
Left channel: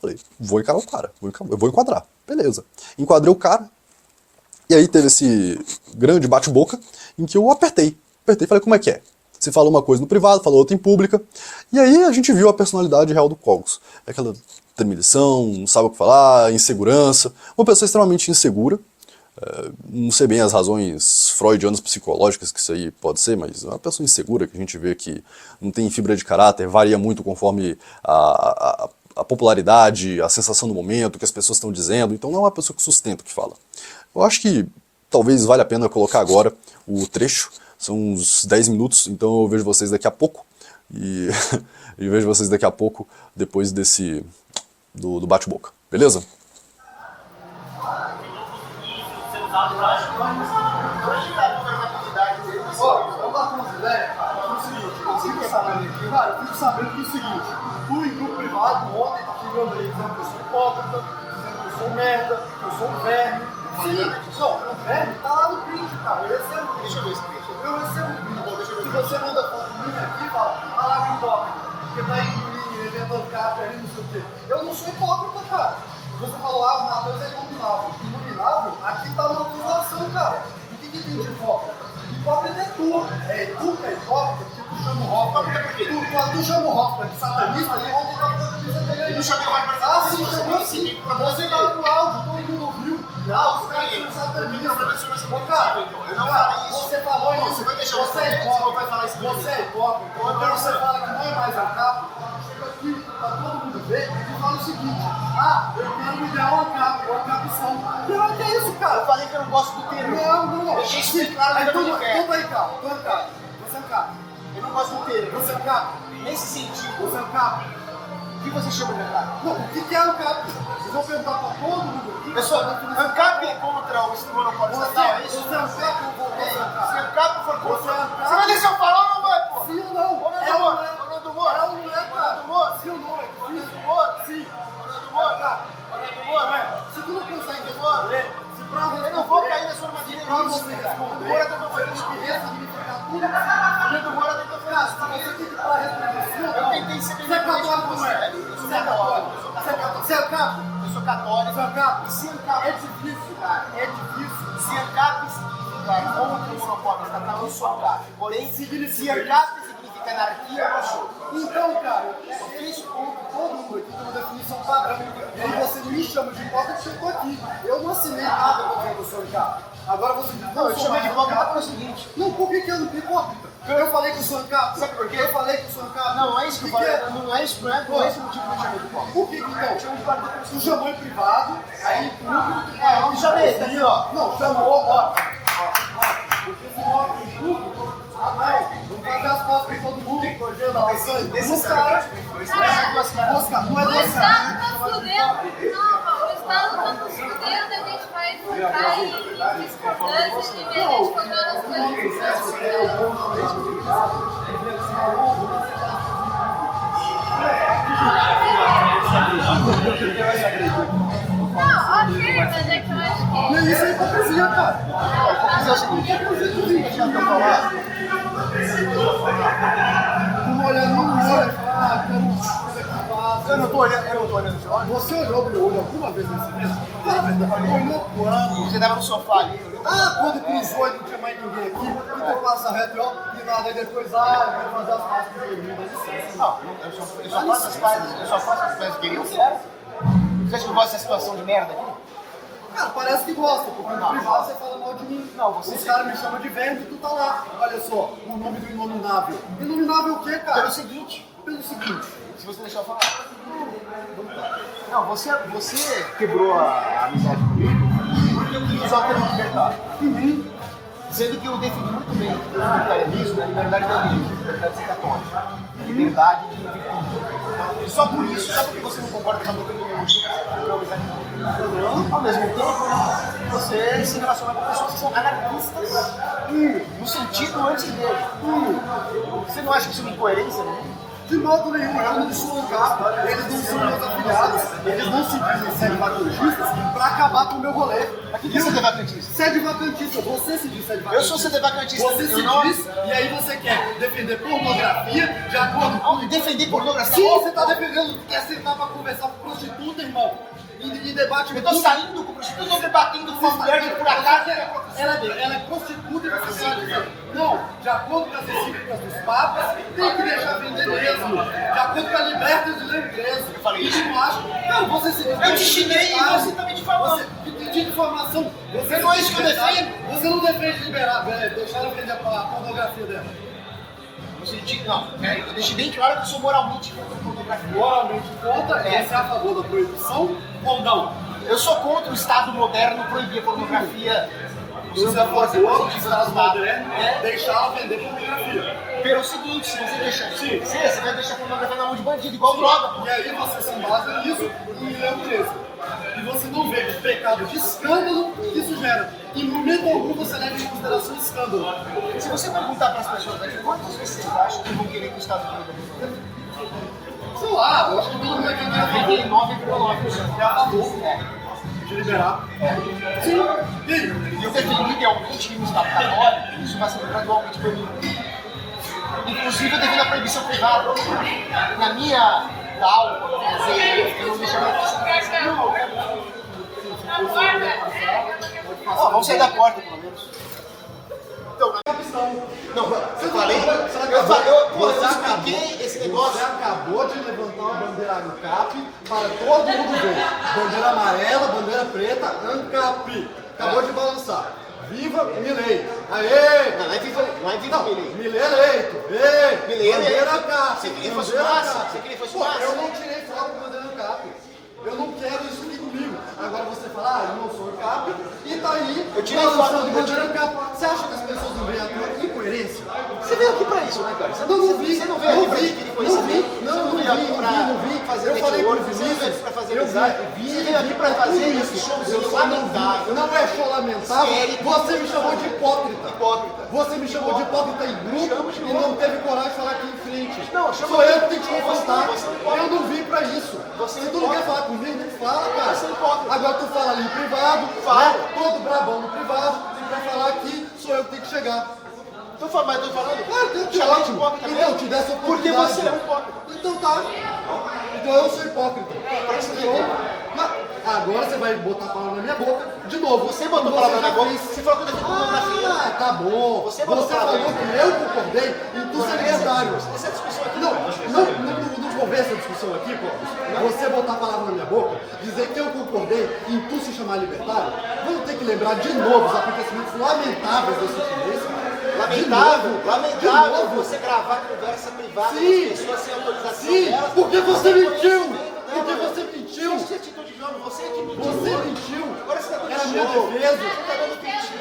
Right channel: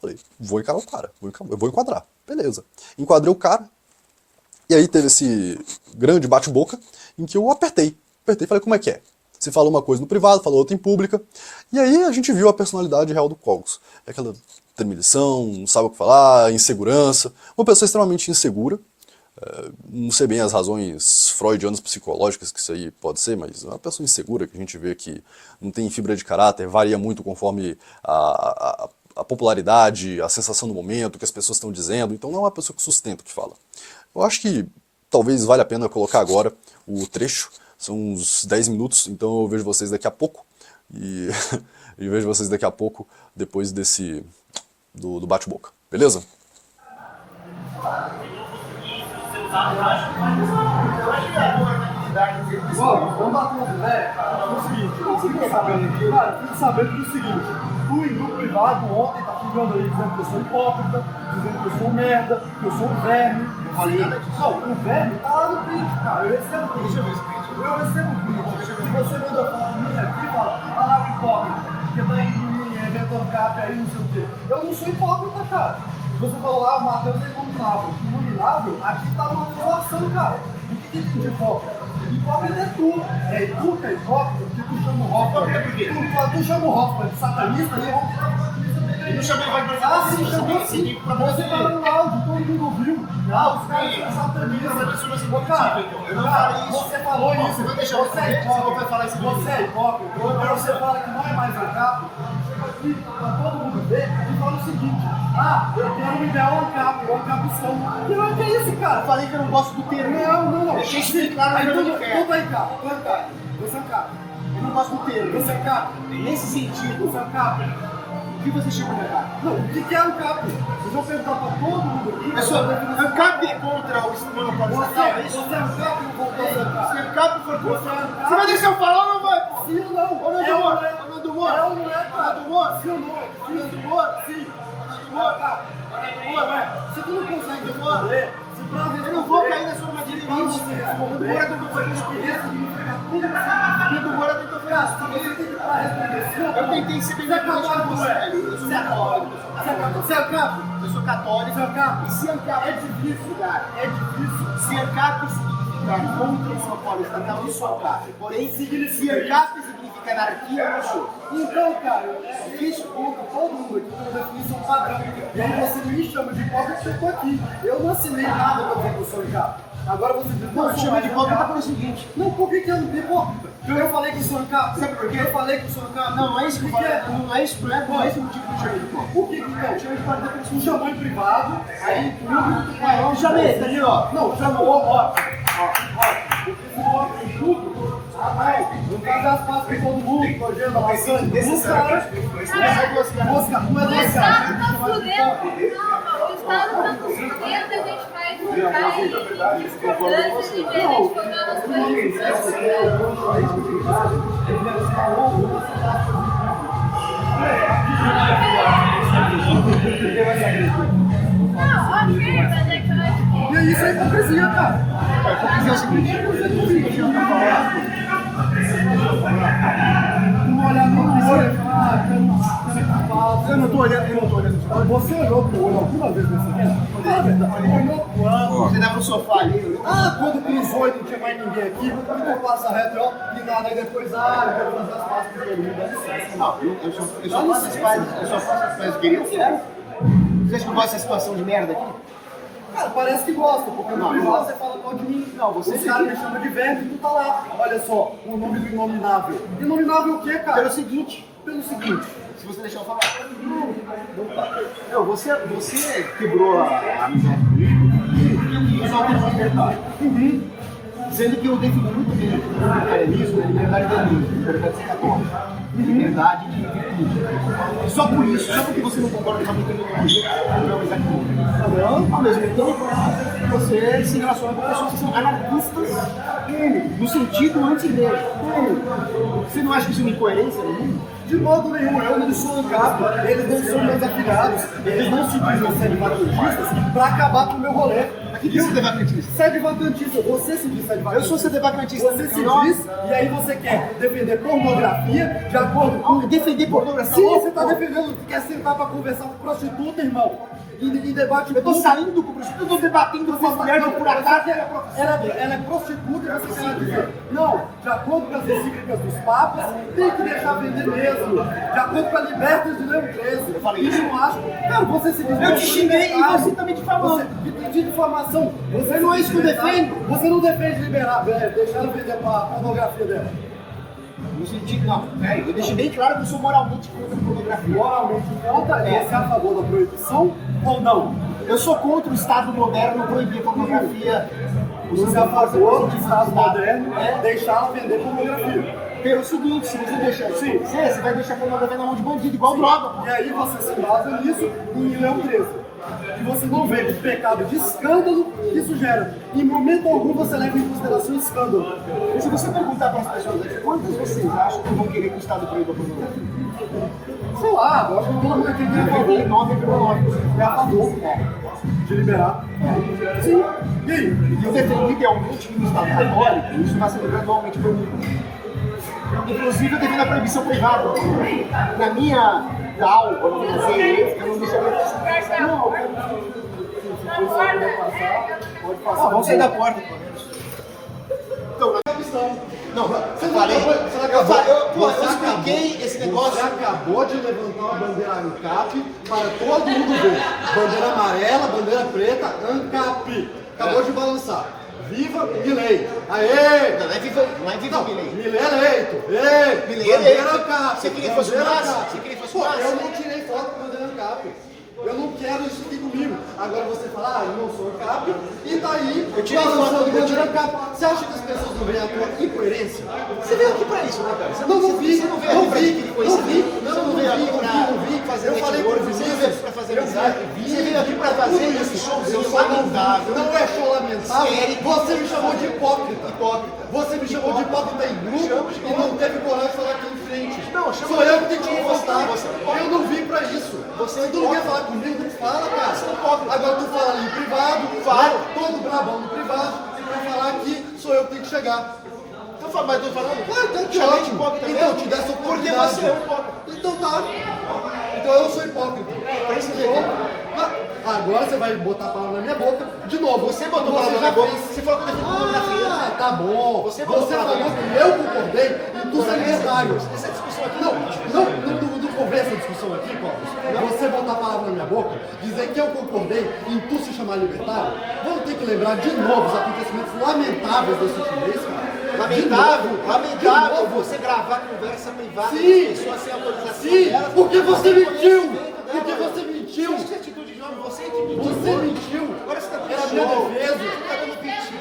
falei, vou encarar o cara, eu vou enquadrar. Beleza. Enquadrei o cara, e aí teve esse grande bate-boca em que eu apertei e falei, como é que é? Você falou uma coisa no privado, falou outra em pública, e aí a gente viu a personalidade real do Cogos. Aquela tremelição, não sabe o que falar, insegurança, uma pessoa extremamente insegura. Não sei bem as razões freudianas psicológicas que isso aí pode ser, mas é uma pessoa insegura que a gente vê que não tem fibra de caráter, varia muito conforme a popularidade, a sensação do momento, o que as pessoas estão dizendo, então não é uma pessoa que sustenta o que fala. Eu acho que talvez valha a pena colocar agora o trecho, são uns 10 minutos, então eu vejo vocês daqui a pouco, e vejo vocês daqui a pouco, depois do bate-boca, beleza? Vamos dar uma ideia no seguinte, eu fico sabendo do seguinte, tu em grupo privado ontem tá xingando aí, dizendo que eu sou hipócrita, dizendo que eu sou merda, que eu sou um verme. Não, o verme tá lá no print, cara, eu recebo print. Deixa eu ver esse print. Eu recebo print. Se você manda foto minha aqui e fala, ah lá o hipócrita, porque tá aí em mim, inventando capa aí, não sei o quê. Eu não sou hipócrita, cara. Você falou, ah, o Matheus é iluminável. Iluminável, aqui tá uma população, cara. O que tem de hipócrita? Hipócrita é tu. Tu que é hipócrita, porque tu chama o Hoffman. Tu chama o Hoffman de satanista e ontem tá falando camisa dele aí. Eu não chamei o Hoffman de satanista. Ah, sim, chamou sim. Você tá no áudio, todo mundo ouviu. Ah, os caras são satanistas. Cara, você falou isso. Você é hipócrita. Você é hipócrita. Você fala que não é mais ANCAP. Aqui, pra todo mundo ver, e fala o seguinte: ah, eu quero me dar um ANCAP, o ANCAPção. Não, que é isso, cara? Eu falei que eu não gosto do termo. Não. Deixei isso claro aí, tudo aí, cara. Tu é ANCAP. Você é ANCAP. Eu não gosto do termo. Você é ANCAP. Nesse sentido, você é ANCAP. O que você chama de ANCAP? Não, o que é ANCAP? Vocês vão perguntar pra todo mundo aqui. Eu sou ANCAP é contra o monopólio estatal, é isso? Você é ANCAP ou voltou a ANCAP? Se ANCAP for contra... Você vai deixar eu falar ou não vai, pô? Sim ou não? É ou não do Moro? É ou não é, cara? Do Moro? Sim ou não? Sim do Moro? Sim. Do Moro, cara? Do Moro, se tu não consegue responder... Eu não vou cair na sua armadilha em você. O do Moro tentou fazer isso que ressignificar tudo. O do Moro tentou fazer isso. Você tem que parar responder. Eu tentei ser bem católico, não é? Você é católico. Você é ANCAP? Eu sou católico. Você é ANCAP? E se ANCAP é difícil, cara. É difícil. Se ANCAP significar contra o monopólio estatal, eu não sou ANCAP. Porém, se ANCAP significa anarquia, eu não sou. Então, cara, eu fiz contra todo mundo aqui, tem uma definição padrão. E aí você me chama de hipócrita porque eu tô aqui. Eu não assinei nada pra dizer que eu sou ANCAP. Agora você diz, não, eu chamei de hipócrita pelo seguinte. Não, por que eu não sou hipócrita? Eu falei que eu sou ANCAP. Sabe por quê? Eu falei que eu sou ANCAP. Não, é isso que eu falei. Não é isso, não é esse motivo que eu chamei de hipócrita. Por que então? Eu chamei de hipócrita porque você chamou em privado, aí em público tu falou. Não chamei, tá ali, ó. Não, chamou, ó. Porque se mostra em público, vamos fazer as pazes com todo mundo, correndo da lasanha. Os caras, mosca, não é o Estado tá fudendo, não, o Estado tá nos fudendo, a gente vai comprar em discordância de ver a gente focando as coisas não, ok, mas é que eu acho que... E isso é hipocrisia, cara. Uma olhada no olho e falar, eu não tô olhando. Você olhou pro olho alguma vez nesse mês? Fala a verdade. Olhou quando? Você tava no sofá ali. Quando pisou e não tinha mais ninguém aqui, ficou passa reto e nada, e depois, eu quero fazer as pastas com ele, dá licença. Não, eu só faço as coisas que queriam ser. Você acha que eu gosto dessa situação de merda aqui? Cara, parece que gosta, porque no privado você fala mal de mim. Não, você os caras me chamam de verme e tu tá lá. Olha só, o nome do inominável. Inominável o quê, cara? Pelo seguinte, se você deixar eu falar. Não tá. Não, você quebrou a amizade comigo porque eu quis usar o termo liberdade. Sendo que eu defino muito bem o libertarianismo, a liberdade da religião, liberdade de ser católico, liberdade de virtude. E só por isso, só porque você não concorda com a minha ideologia, ao mesmo tempo, você se relaciona com pessoas que são anarquistas no sentido anti-igreja. Você não acha que isso é uma incoerência no mundo? De modo nenhum, eu não sou um capa, eles não são meus afiliados, eles não se dizem sede-vacantistas pra acabar com o meu rolê. O que é sede-vacantista? Sede-vacantista, você se diz sede-vacantista. Eu sou sede-vacantista. Você se diz, e aí você quer defender pornografia de acordo com... Defender pornografia? Sim, você tá defendendo, quer sentar pra conversar com prostituta, irmão. E debate... Eu tô saindo com prostituta, eu tô debatendo com uma mulher que por acaso ela é prostituta e você quer dizer, não, de acordo com as encíclicas dos papas, tem que deixar vender mesmo. De acordo com a liberta de Leão XIII. Eu falei isso. Não acho. Cara, você se diz... Eu te xinguei e você tá me difamando. De difamação. Você não é isso que eu defendo. Você não defende liberar, deixar ela vender a pornografia dela. No sentido, não, peraí, eu deixei bem claro que eu sou moralmente contra a pornografia. Moralmente contra? Você é a favor da proibição ou não? Eu sou contra o Estado moderno proibir a pornografia. Você é a favor do Estado moderno deixar ela vender pornografia. Pelo seguinte, se você deixar você vai deixar a pornografia na mão de bandido, igual droga. E aí você se basa nisso em Leão XIII. E você não vê o pecado de escândalo que isso gera. Em momento algum você leva em consideração escândalo. E se você perguntar para as pessoas aqui, quantos vocês acham que vão querer que o Estado proíba a pornografia? Sei lá, eu acho que todo mundo aqui tem a favor. 9,9% É a favor de liberar. Sim. E aí? E eu defendo idealmente que no Estado católico isso vai ser gradualmente proibido. Inclusive eu defendo a proibição privada. Na minha DAO, quando eu comecei, eu não deixaria de Não, pode passar. vamos sair da porta, pelo menos. Então, não, você não falei. Você expliquei esse negócio. Você acabou de levantar uma bandeira ANCAP para todo mundo ver. Bandeira amarela, bandeira preta, ANCAP. Acabou de balançar. Viva Milei! Aê! Não é viva Milei. Milei eleito! Ei! Milei bandeira eleito. ANCAP! Você queria que fosse massa? Você queria que fosse massa? Eu não tirei foto com bandeira ANCAP. Eu não quero isso aqui comigo. Agora você fala, eu não sou ANCAP, e tá aí, eu tirei foto balançando com bandeira ANCAP. Você acha que as pessoas não veem a tua incoerência? Você veio aqui pra isso, né, cara? Você Não vi, Você não veio aqui pra adquirir conhecimento. Você não veio aqui pra fazer eu falei pro Vinícius, Vinícius, pra fazer amizade. Você veio aqui pra fazer esse showzinho lamentável. não é show lamentável, você me chamou de hipócrita. Você me chamou de hipócrita em grupo e não teve coragem de falar aqui em frente. Não, sou eu que tenho que te confrontar. Eu não vim pra isso. Tu não quer falar comigo? Fala, cara. Agora tu fala ali em privado, né? Todo brabão no privado, e vai falar que sou eu que tenho que chegar. Mas eu falando. Que ótimo. Então, te dê essa oportunidade. Porque você é um hipócrita. Então tá. Então eu sou hipócrita. Agora você vai botar a palavra na minha boca de novo. Você botou a palavra na minha boca. Você falou que tá bom. Você falou que eu concordei em tu ser libertário. Essa discussão aqui Não conversa a discussão aqui, Cláudio. Você botar a palavra na minha boca, dizer que eu concordei em tu se chamar libertário, vamos ter que lembrar de novo os acontecimentos lamentáveis desse mês, cara. Lamentável você gravar conversa privada com pessoas sem autorização. Sim, porque você mentiu! Porque você mentiu! Você atitude não, você Você mentiu! Agora você tá dando Era minha show. defesa!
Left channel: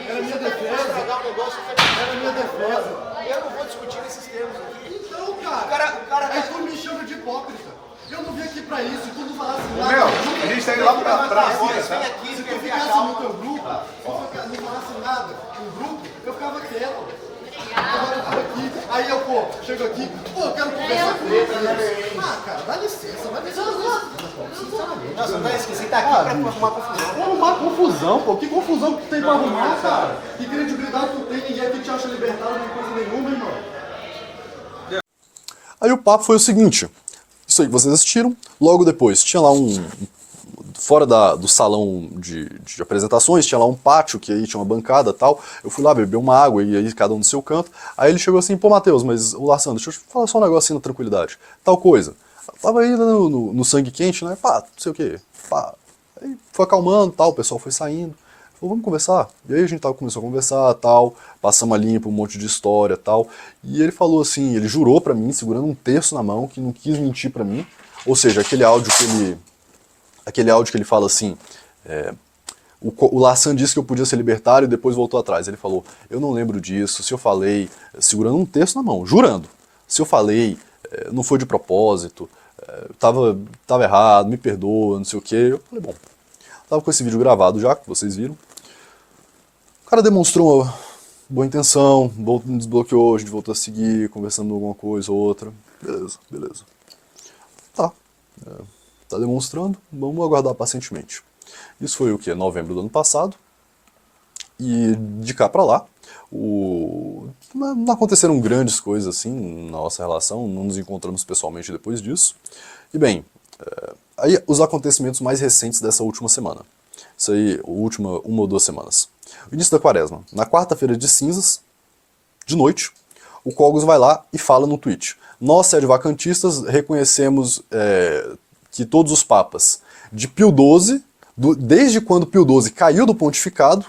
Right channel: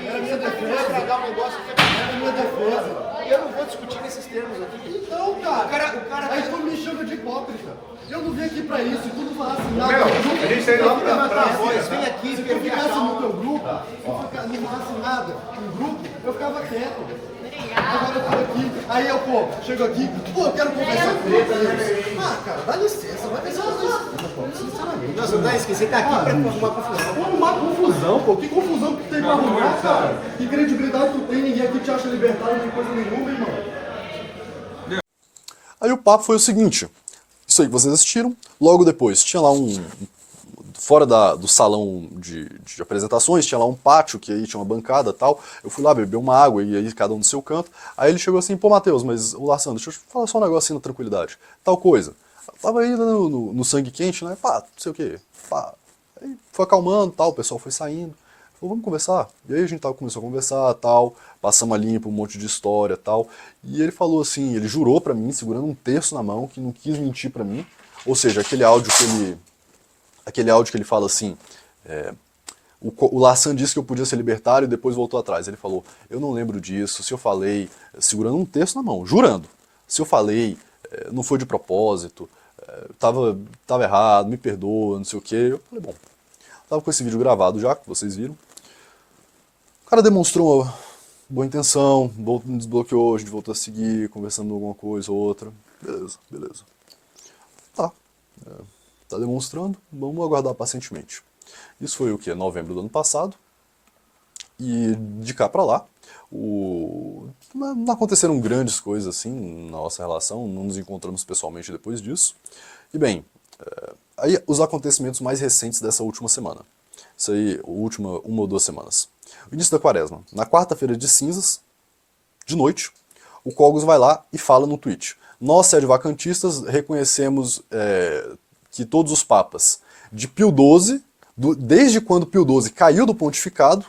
Era minha defesa. Era minha defesa! Eu não vou discutir nesses termos aqui. Então, cara, O cara aí tá... tu me chama de hipócrita. Eu não vim aqui pra isso, se tu não falasse nada. A gente tem lá pra voz. Vem aqui, se tu ficasse no teu grupo, se tu não falasse nada no grupo, eu ficava quieto. Agora eu tô aqui, aí eu, chego aqui, eu quero conversar com ele. Cara, dá licença, vai ver se sinceramente. Nossa, não é isso, você tá aqui pra arrumar confusão. Arrumar confusão, que confusão que tu tem pra arrumar, cara? Que credibilidade tu tem, ninguém aqui te acha libertário de coisa nenhuma, irmão. Aí o papo foi o seguinte, isso aí que vocês assistiram, logo depois tinha lá fora do salão de apresentações, tinha lá um pátio, que aí tinha uma bancada e tal, eu fui lá beber uma água, e aí cada um no seu canto, aí ele chegou assim, pô Matheus, mas o Lassandro, deixa eu falar só um negócio assim na tranquilidade, tal coisa, eu tava aí no sangue quente, né, pá, não sei o que, pá, aí foi acalmando tal, o pessoal foi saindo, falou, vamos conversar, e aí a gente começou a conversar tal, passamos a limpo um monte de história tal, e ele falou assim, ele jurou pra mim, segurando um terço na mão, que não quis mentir pra mim, ou seja, aquele áudio que ele fala assim, o Lassan disse que eu podia ser libertário e depois voltou atrás. Ele falou, eu não lembro disso, se eu falei, segurando um texto na mão, jurando, se eu falei, não foi de propósito, tava errado, me perdoa, não sei o quê. Eu falei, bom, tava com esse vídeo gravado já, que vocês viram. O cara demonstrou boa intenção, me desbloqueou, a gente voltou a seguir, conversando alguma coisa ou outra. Beleza, beleza. Tá. Tá demonstrando, vamos aguardar pacientemente. Isso foi o que? Novembro do ano passado. E de cá pra lá, não aconteceram grandes coisas assim na nossa relação, não nos encontramos pessoalmente depois disso. E bem, aí os acontecimentos mais recentes dessa última semana. Isso aí, uma ou 2 semanas. O início da quaresma. Na quarta-feira de cinzas, de noite, o Cogos vai lá e fala no tweet. Nós, sede-vacantistas, reconhecemos que todos os papas de Pio XII, desde quando Pio XII caiu do pontificado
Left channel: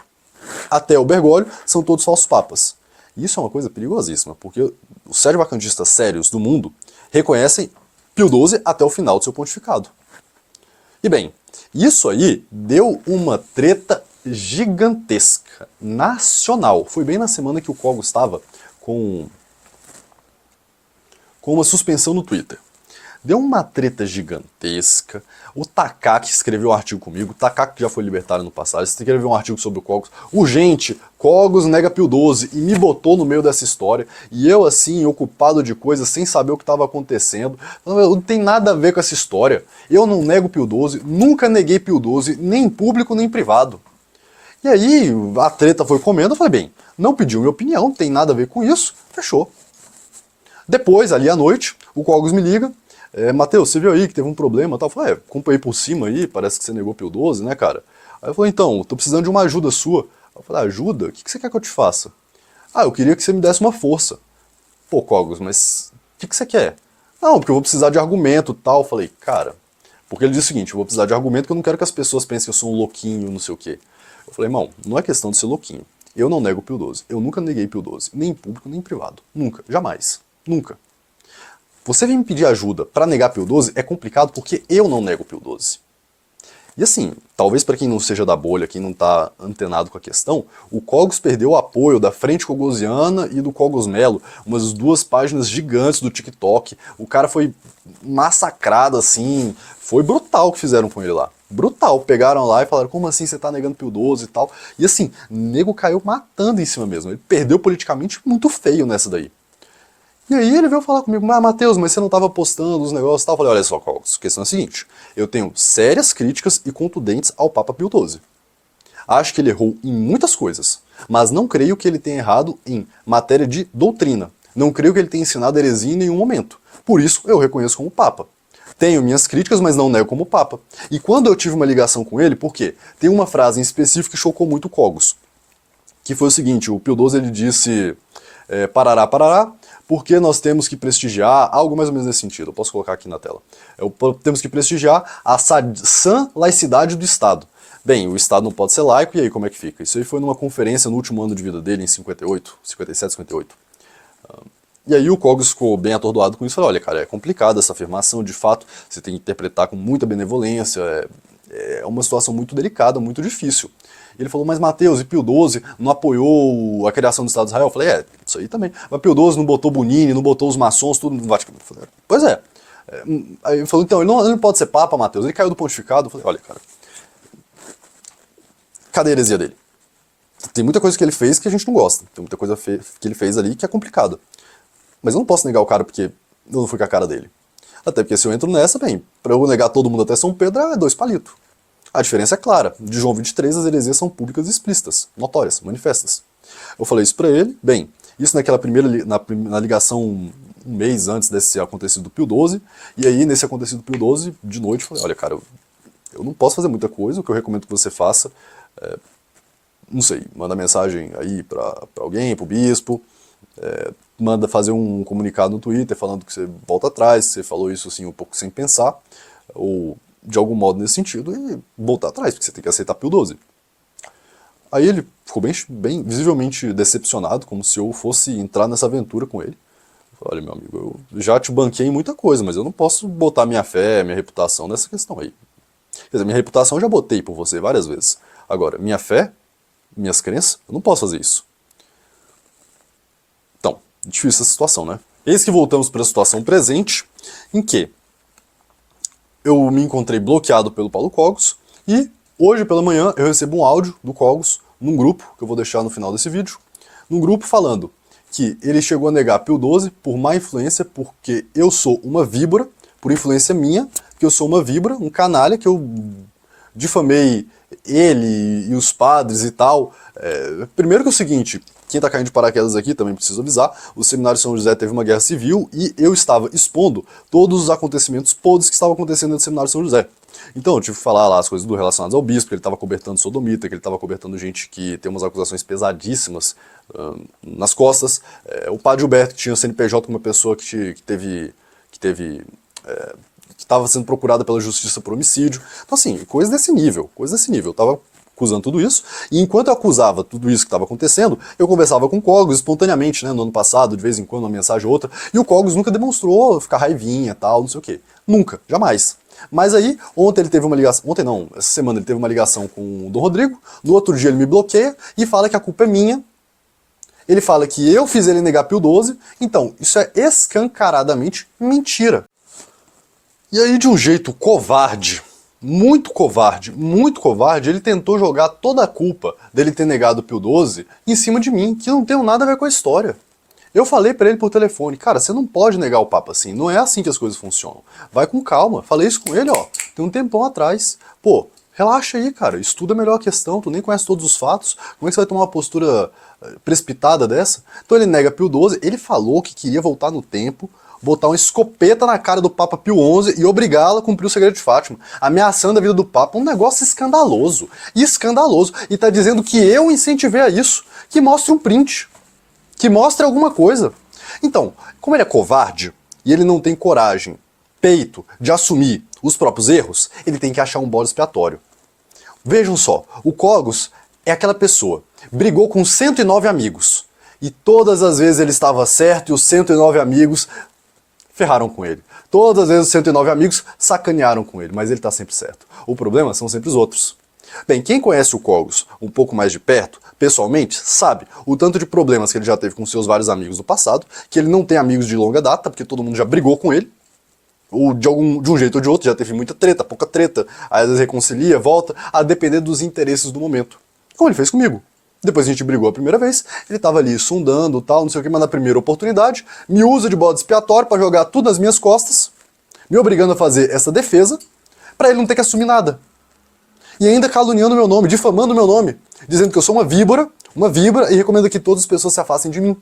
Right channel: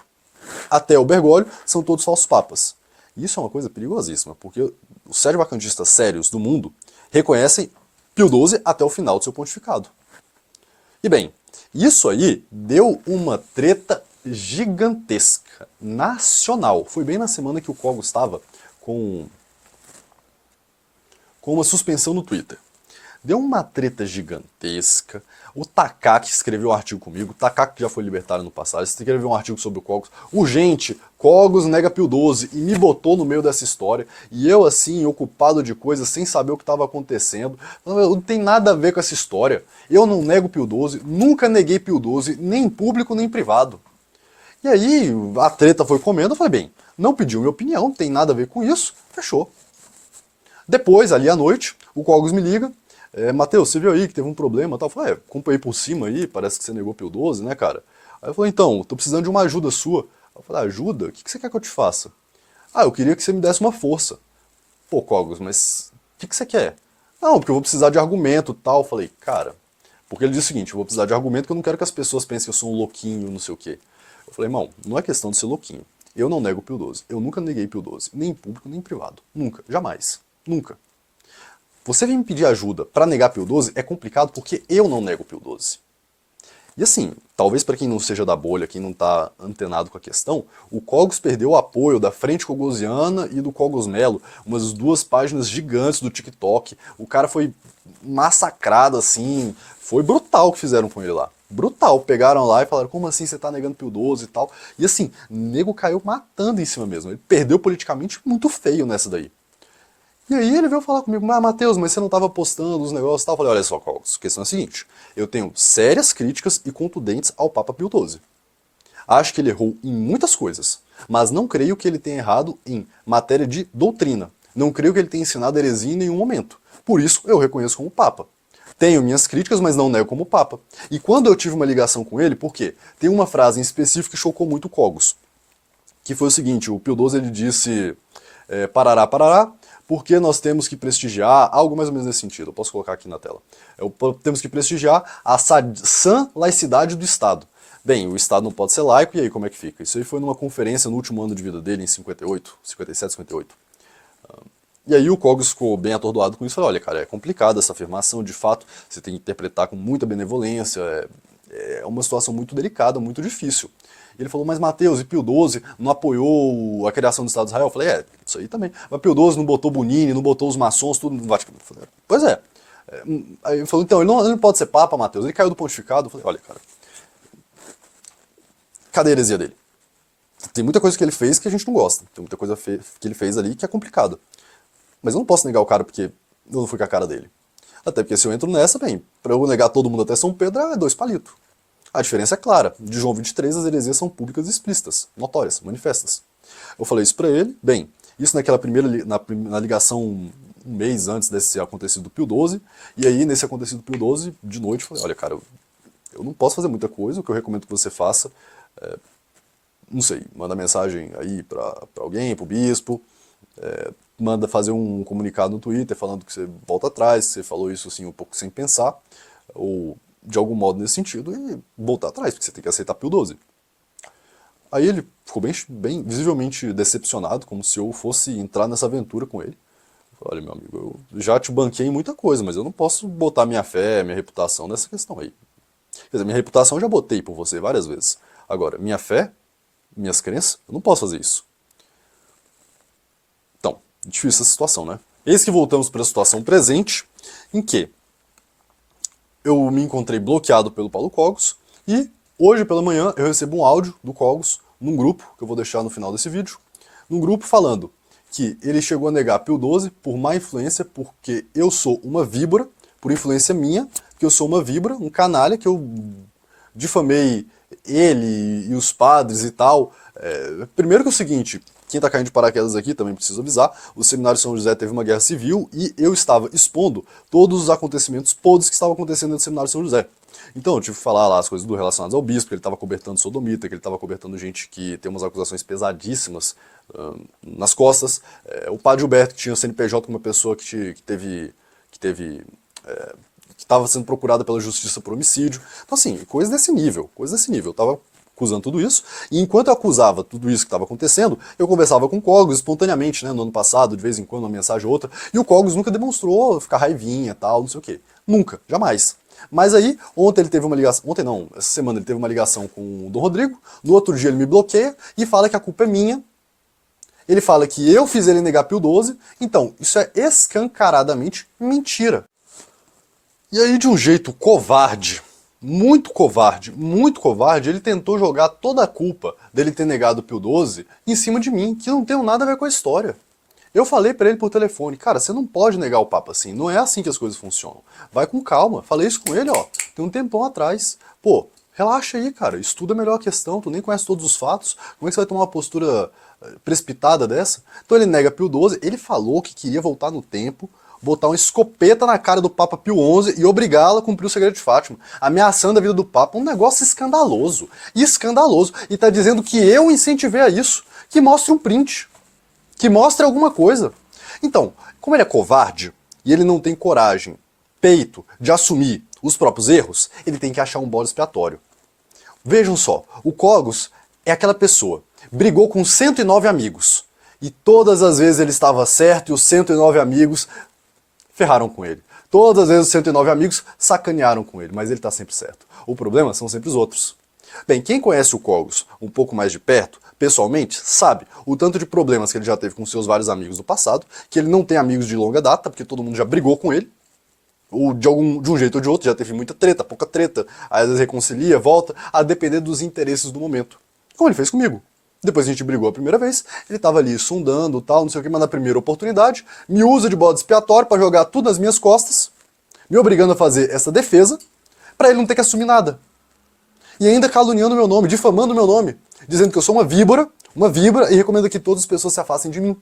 até o Bergoglio, são todos falsos papas. E isso é uma coisa perigosíssima, porque os sede-vacantistas sérios do mundo reconhecem Pio XII até o final do seu pontificado. E bem, isso aí deu uma treta gigantesca, nacional. Foi bem na semana que o Cogos estava com uma suspensão no Twitter. Deu uma treta gigantesca. O Takaki escreveu um artigo comigo. O Takaki já foi libertário no passado. Escreveu um artigo sobre o Cogos. Urgente, Cogos nega Pio XII. E me botou no meio dessa história. E eu, assim, ocupado de coisas, sem saber o que estava acontecendo. Não tem nada a ver com essa história. Eu não nego Pio XII. Nunca neguei Pio XII. Nem em público, nem em privado. E aí, a treta foi comendo. Eu falei, bem, não pediu minha opinião. Não tem nada a ver com isso. Fechou. Depois, ali à noite, o Cogos me liga. Matheus, você viu aí que teve um problema e tal? Eu falei, acompanhei por cima aí, parece que você negou Pio XII, né, cara? Aí eu falei, então, tô precisando de uma ajuda sua. Eu falei, ajuda? O que você quer que eu te faça? Eu queria que você me desse uma força. Pô, Cogos, mas o que você quer? Não, porque eu vou precisar de argumento e tal. Eu falei, cara, porque ele disse o seguinte, eu vou precisar de argumento porque eu não quero que as pessoas pensem que eu sou um louquinho, não sei o quê. Eu falei, irmão, não é questão de ser louquinho. Eu não nego Pio XII. Eu nunca neguei Pio XII, nem em público, nem em privado. Nunca, jamais. Nunca. Você vir me pedir ajuda para negar Pio XII é complicado porque eu não nego Pio XII. E assim, talvez para quem não seja da bolha, quem não está antenado com a questão, o Cogos perdeu o apoio da Frente Cogosiana e do Cogos Melo, umas 2 páginas gigantes do TikTok. O cara foi massacrado assim, foi brutal o que fizeram com ele lá. Brutal, pegaram lá e falaram, como assim você tá negando Pio XII e tal. E assim, o nego caiu matando em cima mesmo, ele perdeu politicamente muito feio nessa daí. E aí ele veio falar comigo, Matheus, mas você não estava postando os negócios e tal. Eu falei, olha só, Cogos, a questão é a seguinte, eu tenho sérias críticas e contundentes ao Papa Pio XII. Acho que ele errou em muitas coisas, mas não creio que ele tenha errado em matéria de doutrina. Não creio que ele tenha ensinado heresia em nenhum momento. Por isso, eu reconheço como Papa. Tenho minhas críticas, mas não nego como Papa. E quando eu tive uma ligação com ele, por quê? Tem uma frase em específico que chocou muito o Cogos, que foi o seguinte, o Pio XII ele disse, parará, parará, porque nós temos que prestigiar, algo mais ou menos nesse sentido, eu posso colocar aqui na tela. Temos que prestigiar a sã laicidade do Estado. Bem, o Estado não pode ser laico, e aí como é que fica? Isso aí foi numa conferência no último ano de vida dele, em 58, 57, 58. E aí o Cogos ficou bem atordoado com isso, falou, olha cara, é complicado essa afirmação, de fato, você tem que interpretar com muita benevolência, é uma situação muito delicada, muito difícil. Ele falou, mas Matheus, e Pio XII não apoiou a criação do Estado de Israel? Eu falei, isso aí também. Mas Pio XII não botou Bonini, não botou os maçons, tudo no Vaticano. Eu falei, pois é. Aí ele falou, então, ele não pode ser Papa, Matheus. Ele caiu do pontificado. Eu falei, olha, cara, cadê a heresia dele? Tem muita coisa que ele fez que a gente não gosta. Tem muita coisa que ele fez ali que é complicada. Mas eu não posso negar o cara porque eu não fui com a cara dele. Até porque se eu entro nessa, bem, pra eu negar todo mundo até São Pedro, é 2 palitos. A diferença é clara. De João 23, as heresias são públicas e explícitas, notórias, manifestas. Eu falei isso pra ele, bem, isso naquela na ligação um mês antes desse acontecido do Pio XII, e aí nesse acontecido do Pio XII, de noite, eu falei, olha cara, eu não posso fazer muita coisa, o que eu recomendo que você faça, não sei, manda mensagem aí pra alguém, pro bispo, manda fazer um comunicado no Twitter falando que você volta atrás, que você falou isso assim um pouco sem pensar, ou de algum modo nesse sentido, e voltar atrás, porque você tem que aceitar Pio XII. Aí ele ficou bem visivelmente decepcionado, como se eu fosse entrar nessa aventura com ele. Eu falei, olha, meu amigo, eu já te banquei em muita coisa, mas eu não posso botar minha fé, minha reputação nessa questão aí. Quer dizer, minha reputação eu já botei por você várias vezes. Agora, minha fé, minhas crenças, eu não posso fazer isso. Então, difícil essa situação, né? Eis que voltamos para a situação presente, em que eu me encontrei bloqueado pelo Paulo Cogos, e hoje pela manhã eu recebo um áudio do Cogos num grupo, que eu vou deixar no final desse vídeo, num grupo falando que ele chegou a negar Pio XII por má influência, porque eu sou uma víbora, por influência minha, porque eu sou uma víbora, um canalha, que eu difamei ele e os padres e tal. Primeiro que é o seguinte, quem tá caindo de paraquedas aqui também precisa avisar, o Seminário São José teve uma guerra civil e eu estava expondo todos os acontecimentos podres que estavam acontecendo no Seminário São José. Então eu tive que falar lá as coisas relacionadas ao bispo, que ele estava cobertando sodomita, que ele estava cobertando gente que tem umas acusações pesadíssimas nas costas. O padre Gilberto, que tinha CNPJ com uma pessoa que estava sendo procurada pela justiça por homicídio. Então assim, coisa desse nível. Eu estava acusando tudo isso, e enquanto eu acusava tudo isso que estava acontecendo, eu conversava com o Cogos espontaneamente, né, no ano passado, de vez em quando, uma mensagem ou outra, e o Cogos nunca demonstrou ficar raivinha e tal, não sei o quê. Nunca, jamais. Mas aí, ontem ele teve uma ligação, ontem não, essa semana ele teve uma ligação com o Dom Rodrigo, no outro dia ele me bloqueia e fala que a culpa é minha. Ele fala que eu fiz ele negar Pio XII, então isso é escancaradamente mentira. E aí, de um jeito covarde, muito covarde, ele tentou jogar toda a culpa dele ter negado Pio XII em cima de mim, que não tem nada a ver com a história. Eu falei pra ele por telefone, cara, você não pode negar o Papa assim, não é assim que as coisas funcionam. Vai com calma. Falei isso com ele, ó, tem um tempão atrás. Pô, relaxa aí, cara, estuda melhor a questão, tu nem conhece todos os fatos, como é que você vai tomar uma postura precipitada dessa? Então ele nega Pio XII, ele falou que queria voltar no tempo, botar uma escopeta na cara do Papa Pio XI e obrigá-la a cumprir o segredo de Fátima, ameaçando a vida do Papa, um negócio escandaloso, e tá dizendo que eu incentivei a isso, que mostre um print, que mostre alguma coisa. Então, como ele é covarde, e ele não tem coragem, peito, de assumir os próprios erros, ele tem que achar um bode expiatório. Vejam só, o Cogos é aquela pessoa, brigou com 109 amigos, e todas as vezes ele estava certo e os 109 amigos ferraram com ele. Todas as vezes os 109 amigos sacanearam com ele, mas ele está sempre certo. O problema são sempre os outros. Bem, quem conhece o Cogos um pouco mais de perto, pessoalmente, sabe o tanto de problemas que ele já teve com seus vários amigos do passado, que ele não tem amigos de longa data, porque todo mundo já brigou com ele, ou de um jeito ou de outro, já teve muita treta, pouca treta, aí às vezes reconcilia, volta, a depender dos interesses do momento. Como ele fez comigo. Depois a gente brigou a primeira vez, ele tava ali sondando, tal, não sei o que, mas na primeira oportunidade, me usa de bode expiatório pra jogar tudo nas minhas costas, me obrigando a fazer essa defesa, pra ele não ter que assumir nada. E ainda caluniando meu nome, difamando meu nome, dizendo que eu sou uma víbora, e recomenda que todas as pessoas se afastem de mim.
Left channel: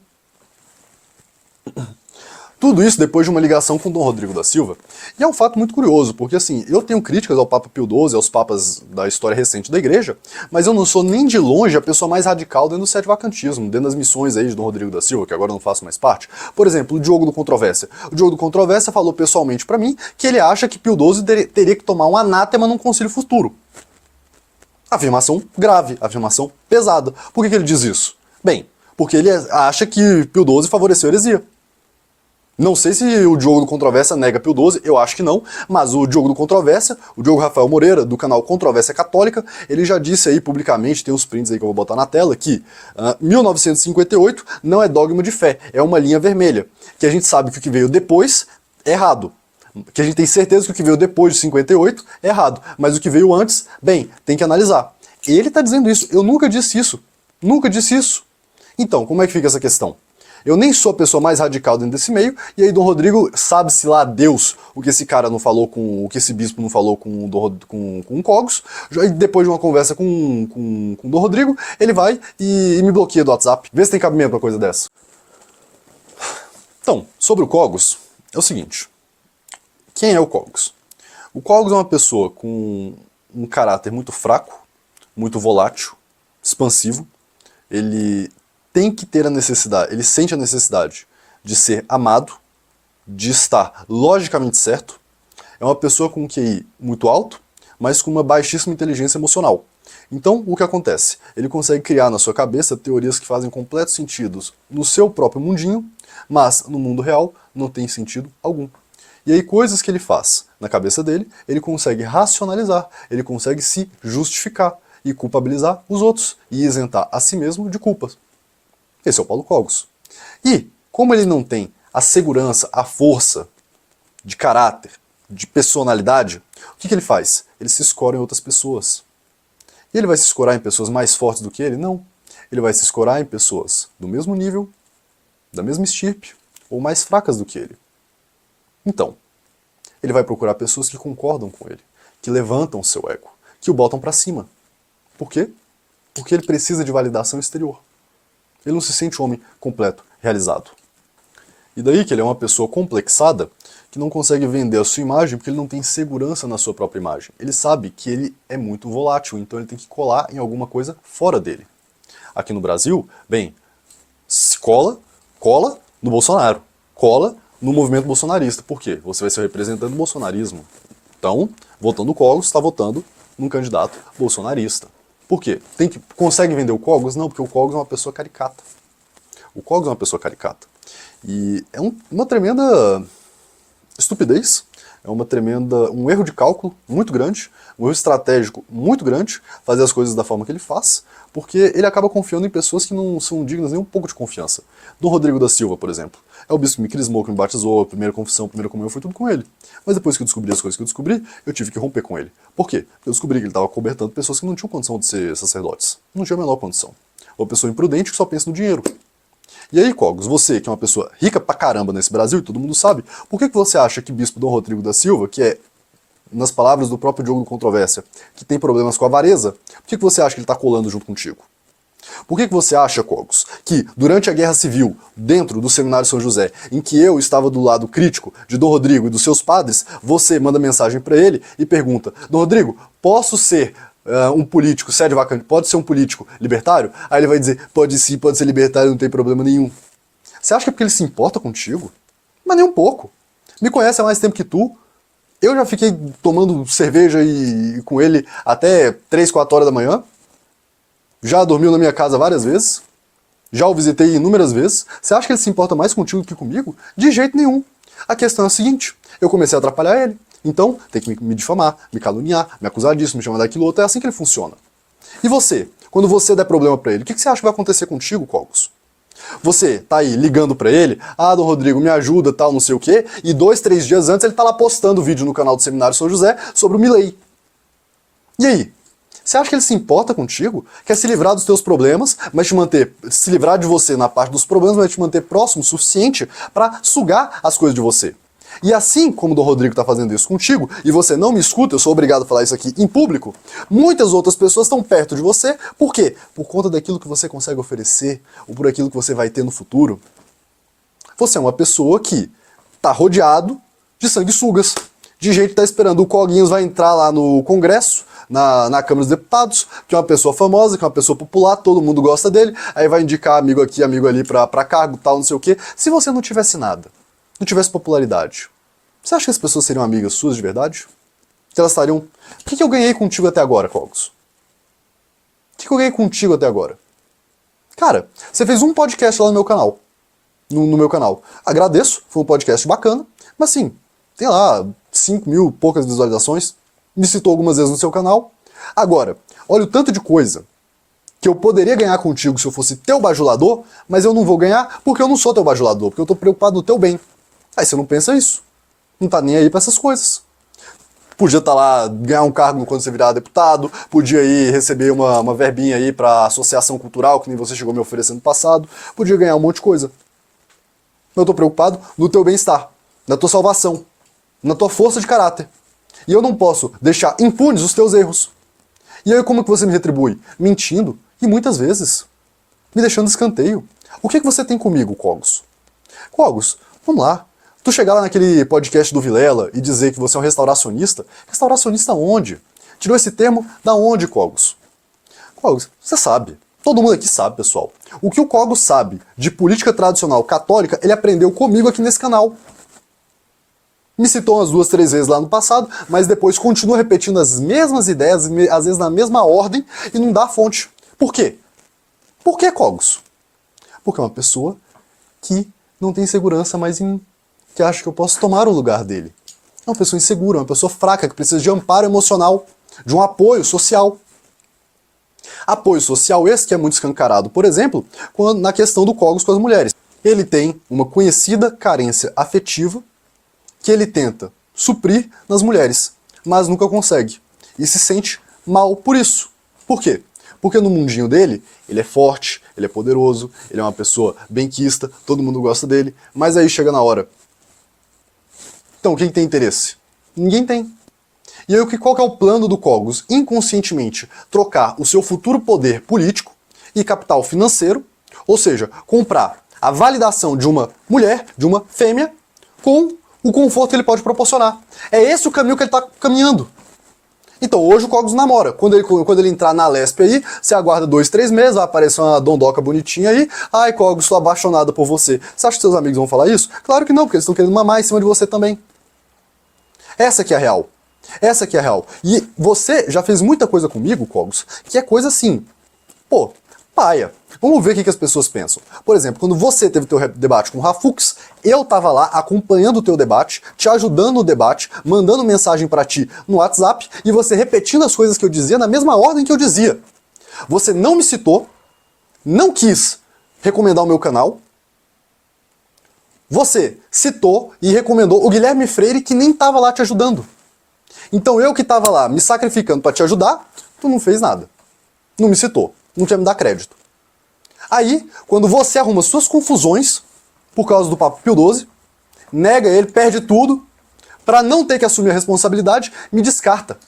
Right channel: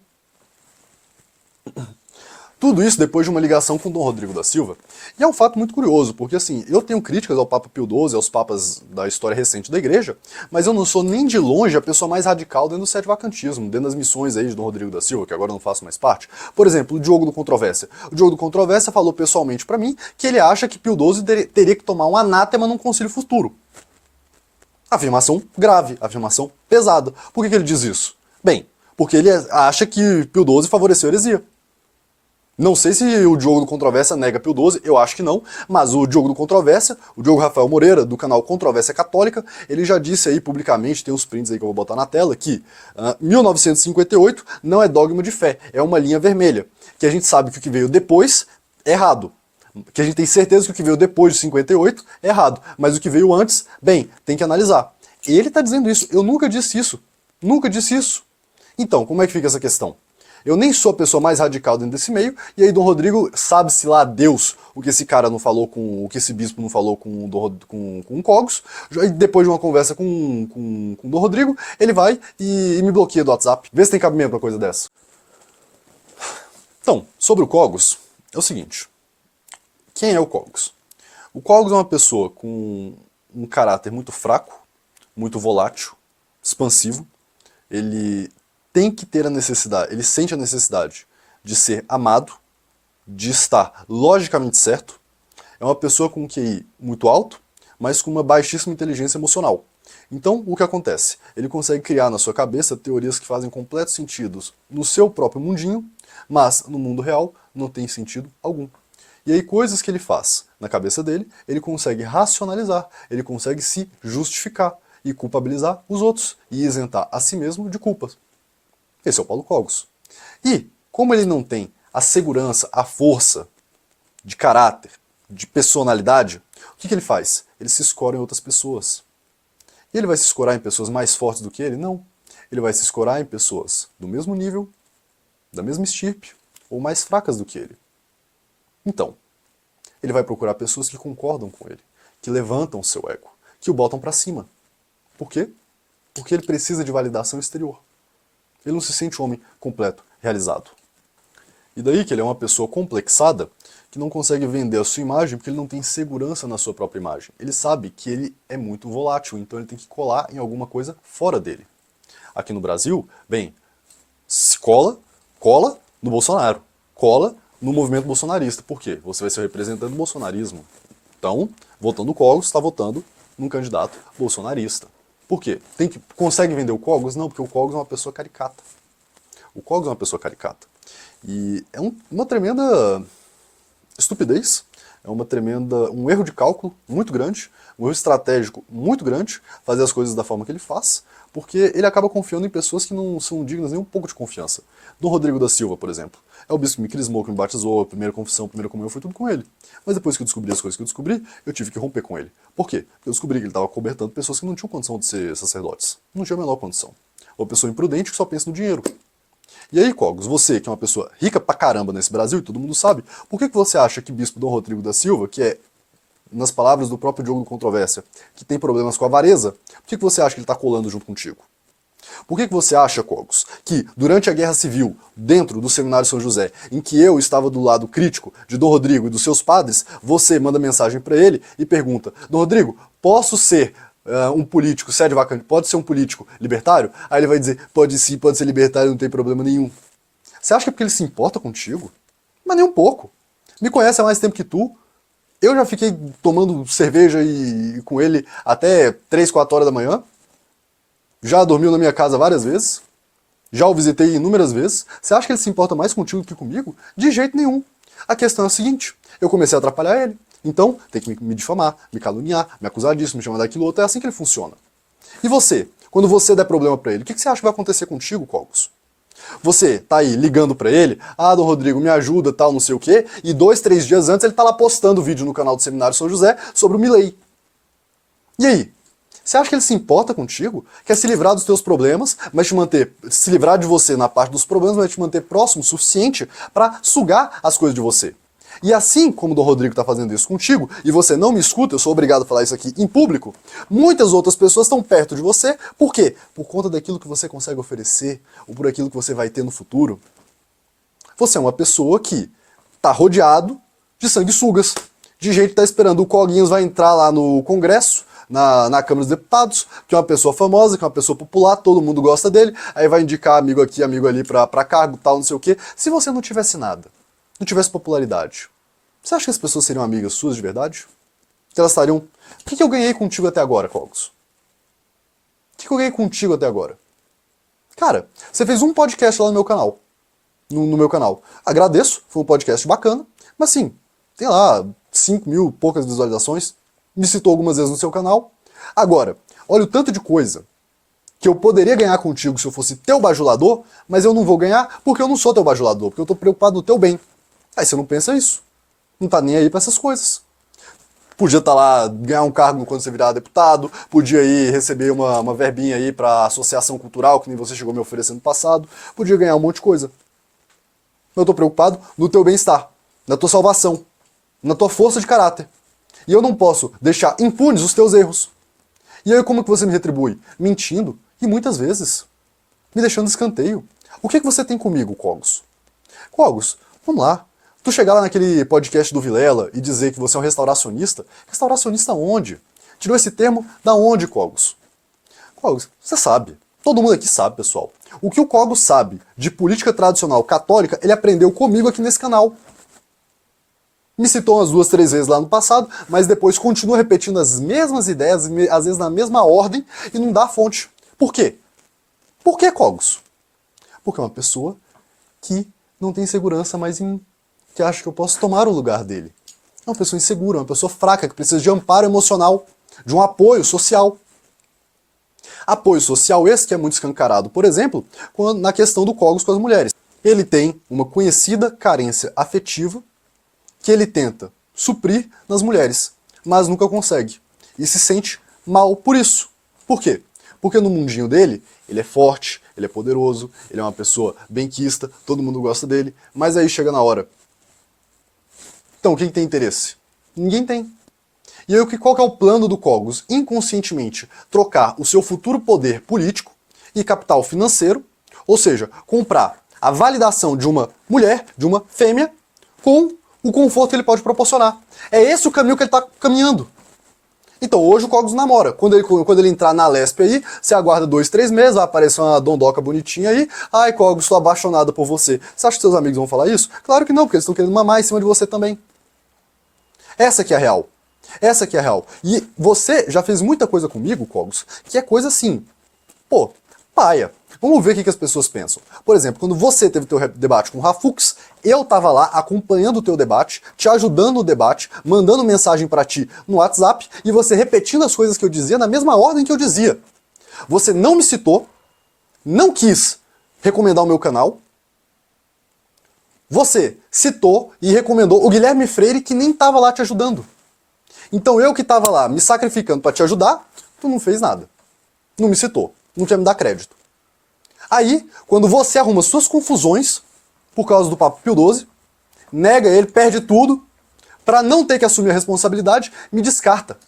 Tudo isso depois de uma ligação com Dom Rodrigo da Silva. E é um fato muito curioso, porque assim, eu tenho críticas ao Papa Pio XII, aos papas da história recente da igreja, mas eu não sou nem de longe a pessoa mais radical dentro do sete-vacantismo, dentro das missões aí de Dom Rodrigo da Silva, que agora eu não faço mais parte. Por exemplo, o Diogo do Controvérsia. O Diogo do Controvérsia falou pessoalmente pra mim que ele acha que Pio XII teria que tomar um anátema num concílio futuro. Afirmação grave, afirmação pesada. Por que ele diz isso? Bem, porque ele acha que Pio XII favoreceu a heresia. Não sei se o Diogo do Controvérsia nega Pio XII, eu acho que não, mas o Diogo do Controvérsia, o Diogo Rafael Moreira, do canal Controvérsia Católica, ele já disse aí publicamente, tem uns prints aí que eu vou botar na tela, que 1958 não é dogma de fé, é uma linha vermelha, que a gente sabe que o que veio depois é errado, que a gente tem certeza que o que veio depois de 58 é errado, mas o que veio antes, bem, tem que analisar. Ele está dizendo isso, eu nunca disse isso, nunca disse isso. Então, como é que fica essa questão? Eu nem sou a pessoa mais radical dentro desse meio, e aí Dom Rodrigo, sabe-se lá Deus o que esse cara não falou o que esse bispo não falou com o Cogos, e depois de uma conversa com Dom Rodrigo, ele vai e me bloqueia do WhatsApp. Vê se tem cabimento pra coisa dessa. Então, sobre o Cogos, é o seguinte. Quem é o Cogos? O Cogos é uma pessoa com um caráter muito fraco, muito volátil, expansivo. Ele tem que ter a necessidade, ele sente a necessidade de ser amado, de estar logicamente certo. É uma pessoa com um QI muito alto, mas com uma baixíssima inteligência emocional. Então, o que acontece? Ele consegue criar na sua cabeça teorias que fazem completo sentido no seu próprio mundinho, mas no mundo real não tem sentido algum. E aí, coisas que ele faz na cabeça dele, ele consegue racionalizar, ele consegue se justificar. e culpabilizar os outros e isentar a si mesmo de culpas. Esse é o Paulo Cogos. E, como ele não tem a segurança, a força de caráter, de personalidade, o que ele faz? Ele se escora em outras pessoas. E ele vai se escorar em pessoas mais fortes do que ele? Não. Ele vai se escorar em pessoas do mesmo nível, da mesma estirpe, ou mais fracas do que ele. Então, ele vai procurar pessoas que concordam com ele, que levantam o seu ego, que o botam para cima. Por quê? Porque ele precisa de validação exterior. Ele não se sente um homem completo, realizado. E daí que ele é uma pessoa complexada, que não consegue vender a sua imagem porque ele não tem segurança na sua própria imagem. Ele sabe que ele é muito volátil, então ele tem que colar em alguma coisa fora dele. Aqui no Brasil, bem, se cola no Bolsonaro, cola no movimento bolsonarista. Por quê? Você vai ser representante do bolsonarismo. Então, votando no Cogos, está votando num candidato bolsonarista. Por quê? Consegue vender o Cogos? Não, porque o Cogos é uma pessoa caricata. O Cogos é uma pessoa caricata. E é uma tremenda estupidez, é um erro de cálculo muito grande, um erro estratégico muito grande, fazer as coisas da forma que ele faz, porque ele acaba confiando em pessoas que não são dignas nem um pouco de confiança. Dom Rodrigo da Silva, por exemplo, é o bispo que me crismou, que me batizou, a primeira confissão, a primeira comunhão, foi tudo com ele. Mas depois que eu descobri as coisas que eu descobri, eu tive que romper com ele. Por quê? Porque eu descobri que ele estava cobertando pessoas que não tinham condição de ser sacerdotes. Não tinha a menor condição. Uma pessoa imprudente que só pensa no dinheiro. E aí, Cogos, você que é uma pessoa rica pra caramba nesse Brasil, e todo mundo sabe, por que você acha que bispo Dom Rodrigo da Silva, que é, nas palavras do próprio Diogo do Controvérsia, que tem problemas com a avareza, por que você acha que ele está colando junto contigo? Por que você acha, Cogos, que durante a Guerra Civil, dentro do Seminário São José, em que eu estava do lado crítico de Dom Rodrigo e dos seus padres, você manda mensagem para ele e pergunta: Dom Rodrigo, posso ser um político sede vacante, pode ser um político libertário? Aí ele vai dizer: pode sim, pode ser libertário, não tem problema nenhum. Você acha que é porque ele se importa contigo? Mas nem um pouco. Me conhece há mais tempo que tu. Eu já fiquei tomando cerveja com ele até 3, 4 horas da manhã. Já dormiu na minha casa várias vezes. Já o visitei inúmeras vezes. Você acha que ele se importa mais contigo do que comigo? De jeito nenhum. A questão é a seguinte: eu comecei a atrapalhar ele. Então, tem que me difamar, me caluniar, me acusar disso, me chamar daquilo outro. É assim que ele funciona. E você? Quando você der problema pra ele, o que você acha que vai acontecer contigo, Cogos? Você tá aí ligando pra ele: ah, Dom Rodrigo, me ajuda, tal, não sei o quê, e 2, 3 dias antes ele tá lá postando vídeo no canal do Seminário São José sobre o Milei. E aí? Você acha que ele se importa contigo? Quer se livrar dos teus problemas, mas se livrar de você na parte dos problemas, mas te manter próximo o suficiente pra sugar as coisas de você. E assim como o Dom Rodrigo está fazendo isso contigo, e você não me escuta, eu sou obrigado a falar isso aqui em público, muitas outras pessoas estão perto de você. Por quê? Por conta daquilo que você consegue oferecer, ou por aquilo que você vai ter no futuro. Você é uma pessoa que está rodeado de sanguessugas, de gente que está esperando o Coguinhos vai entrar lá no Congresso, na Câmara dos Deputados, que é uma pessoa famosa, que é uma pessoa popular, todo mundo gosta dele, aí vai indicar amigo aqui, amigo ali pra cargo, tal, não sei o quê. Se você não tivesse nada, não tivesse popularidade, você acha que as pessoas seriam amigas suas de verdade? Que elas estariam... O que eu ganhei contigo até agora, Cogos? O que eu ganhei contigo até agora? Cara, você fez um podcast lá no meu canal. No meu canal. Agradeço, foi um podcast bacana, mas assim, tem lá 5 mil poucas visualizações, me citou algumas vezes no seu canal. Agora, olha o tanto de coisa que eu poderia ganhar contigo se eu fosse teu bajulador, mas eu não vou ganhar porque eu não sou teu bajulador, porque eu tô preocupado no teu bem. Aí você não pensa isso. Não tá nem aí pra essas coisas. Podia estar lá, ganhar um cargo quando você virar deputado, podia ir receber uma verbinha aí pra associação cultural, que nem você chegou me oferecendo no passado, podia ganhar um monte de coisa. Eu tô preocupado no teu bem-estar, na tua salvação, na tua força de caráter. E eu não posso deixar impunes os teus erros. E aí como que você me retribui? Mentindo, e muitas vezes, me deixando escanteio. O que você tem comigo, Cogos? Cogos, vamos lá. Tu chegar lá naquele podcast do Vilela e dizer que você é um restauracionista? Restauracionista onde? Tirou esse termo da onde, Cogos? Cogos, você sabe. Todo mundo aqui sabe, pessoal. O que o Cogos sabe de política tradicional católica, ele aprendeu comigo aqui nesse canal. Me citou umas 2, 3 vezes lá no passado, mas depois continua repetindo as mesmas ideias, às vezes na mesma ordem, e não dá fonte. Por quê? Por que, Cogos? Porque é uma pessoa que não tem segurança mais que acha que eu posso tomar o lugar dele. É uma pessoa insegura, uma pessoa fraca, que precisa de amparo emocional, de um apoio social. Apoio social esse que é muito escancarado, por exemplo, na questão do Cogos com as mulheres. Ele tem uma conhecida carência afetiva que ele tenta suprir nas mulheres, mas nunca consegue. E se sente mal por isso. Por quê? Porque no mundinho dele, ele é forte, ele é poderoso, ele é uma pessoa benquista, todo mundo gosta dele, mas aí chega na hora. Então, quem tem interesse? Ninguém tem. E aí, qual que é o plano do Cogos? Inconscientemente, trocar o seu futuro poder político e capital financeiro, ou seja, comprar a validação de uma mulher, de uma fêmea, com o conforto que ele pode proporcionar. É esse o caminho que ele está caminhando. Então, hoje o Cogos namora. Quando ele entrar na Lesp aí, você aguarda 2, 3 meses, vai aparecer uma dondoca bonitinha aí. Ai, Cogos, estou apaixonada por você. Você acha que seus amigos vão falar isso? Claro que não, porque eles estão querendo mamar em cima de você também. Essa que é a real. Essa que é a real. E você já fez muita coisa comigo, Cogos, que é coisa assim, pô, paia. Vamos ver o que as pessoas pensam. Por exemplo, quando você teve teu debate com o Rafux, eu tava lá acompanhando o teu debate, te ajudando no debate, mandando mensagem pra ti no WhatsApp e você repetindo as coisas que eu dizia na mesma ordem que eu dizia. Você não me citou, não quis recomendar o meu canal. Você citou e recomendou o Guilherme Freire que nem tava lá te ajudando. Então eu que tava lá me sacrificando pra te ajudar, tu não fez nada. Não me citou, não quer me dar crédito. Aí, quando você arruma suas confusões, por causa do Papo Pio XII, nega ele, perde tudo, pra não ter que assumir a responsabilidade, me descarta.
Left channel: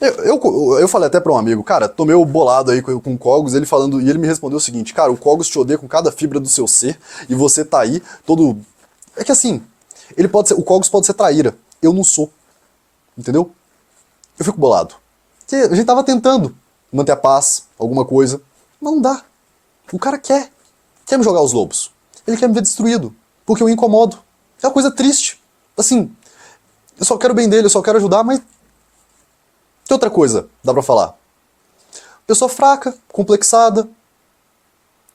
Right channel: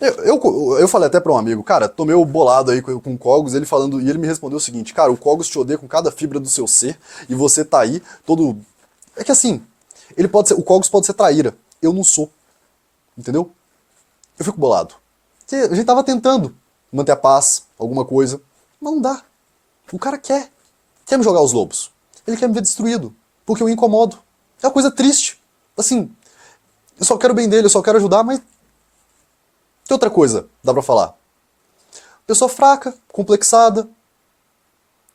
Eu falei até pra um amigo, cara, tomei o bolado aí com o Cogos, ele falando, e ele me respondeu o seguinte, cara, o Cogos te odeia com cada fibra do seu ser, e você tá aí todo... É que assim, o Cogos pode ser traíra, eu não sou. Entendeu? Eu fico bolado. Porque a gente tava tentando manter a paz, alguma coisa, mas não dá. O cara quer me jogar os lobos. Ele quer me ver destruído, porque eu incomodo. É uma coisa triste. Assim, eu só quero o bem dele, eu só quero ajudar, mas... Que outra coisa dá pra falar? Pessoa fraca, complexada,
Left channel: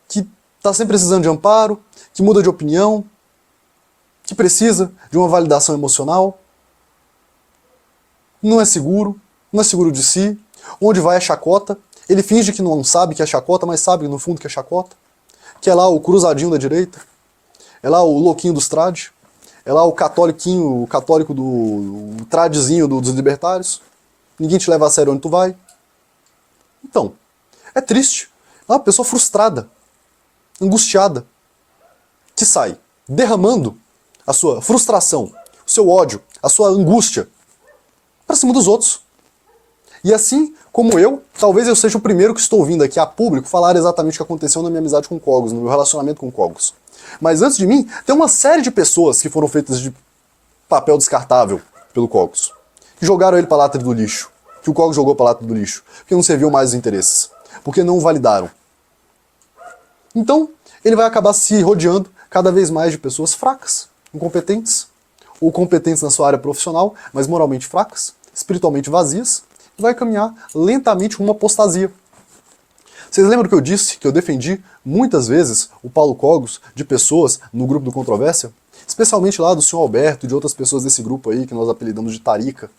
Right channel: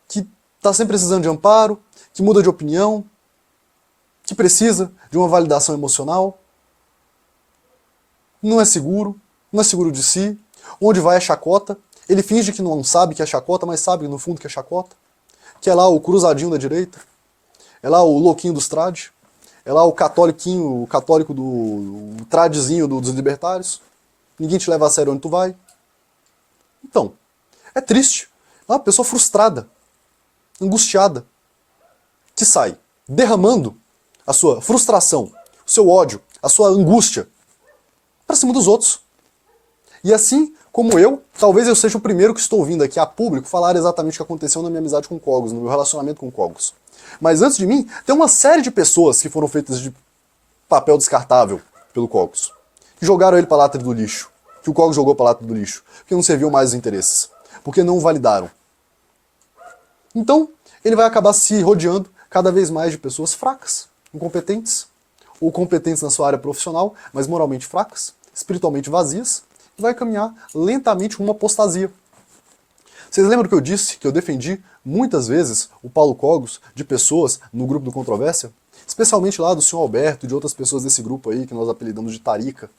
que tá sempre precisando de amparo, que muda de opinião, que precisa de uma validação emocional, não é seguro de si, onde vai a chacota, ele finge que não sabe que é chacota, mas sabe no fundo que é chacota, que é lá o cruzadinho da direita, é lá o louquinho dos trad, é lá o católico do tradizinho dos libertários, ninguém te leva a sério onde tu vai. Então, é triste, é uma pessoa frustrada, angustiada, que sai derramando a sua frustração, o seu ódio, a sua angústia para cima dos outros. E assim como eu, talvez eu seja o primeiro que estou vindo aqui a público falar exatamente o que aconteceu na minha amizade com o Cogos, no meu relacionamento com o Cogos. Mas antes de mim, tem uma série de pessoas que foram feitas de papel descartável pelo Cogos. Que jogaram ele para a lata do lixo. Que o Cogos jogou para a lata do lixo. Porque não serviu mais os interesses. Porque não validaram. Então, ele vai acabar se rodeando cada vez mais de pessoas fracas, incompetentes, ou competentes na sua área profissional, mas moralmente fracas, espiritualmente vazias, e vai caminhar lentamente rumo à apostasia. Vocês lembram que eu disse que eu defendi muitas vezes o Paulo Cogos de pessoas no grupo do Controvérsia? Especialmente lá do senhor Alberto e de outras pessoas desse grupo aí que nós apelidamos de Tarica.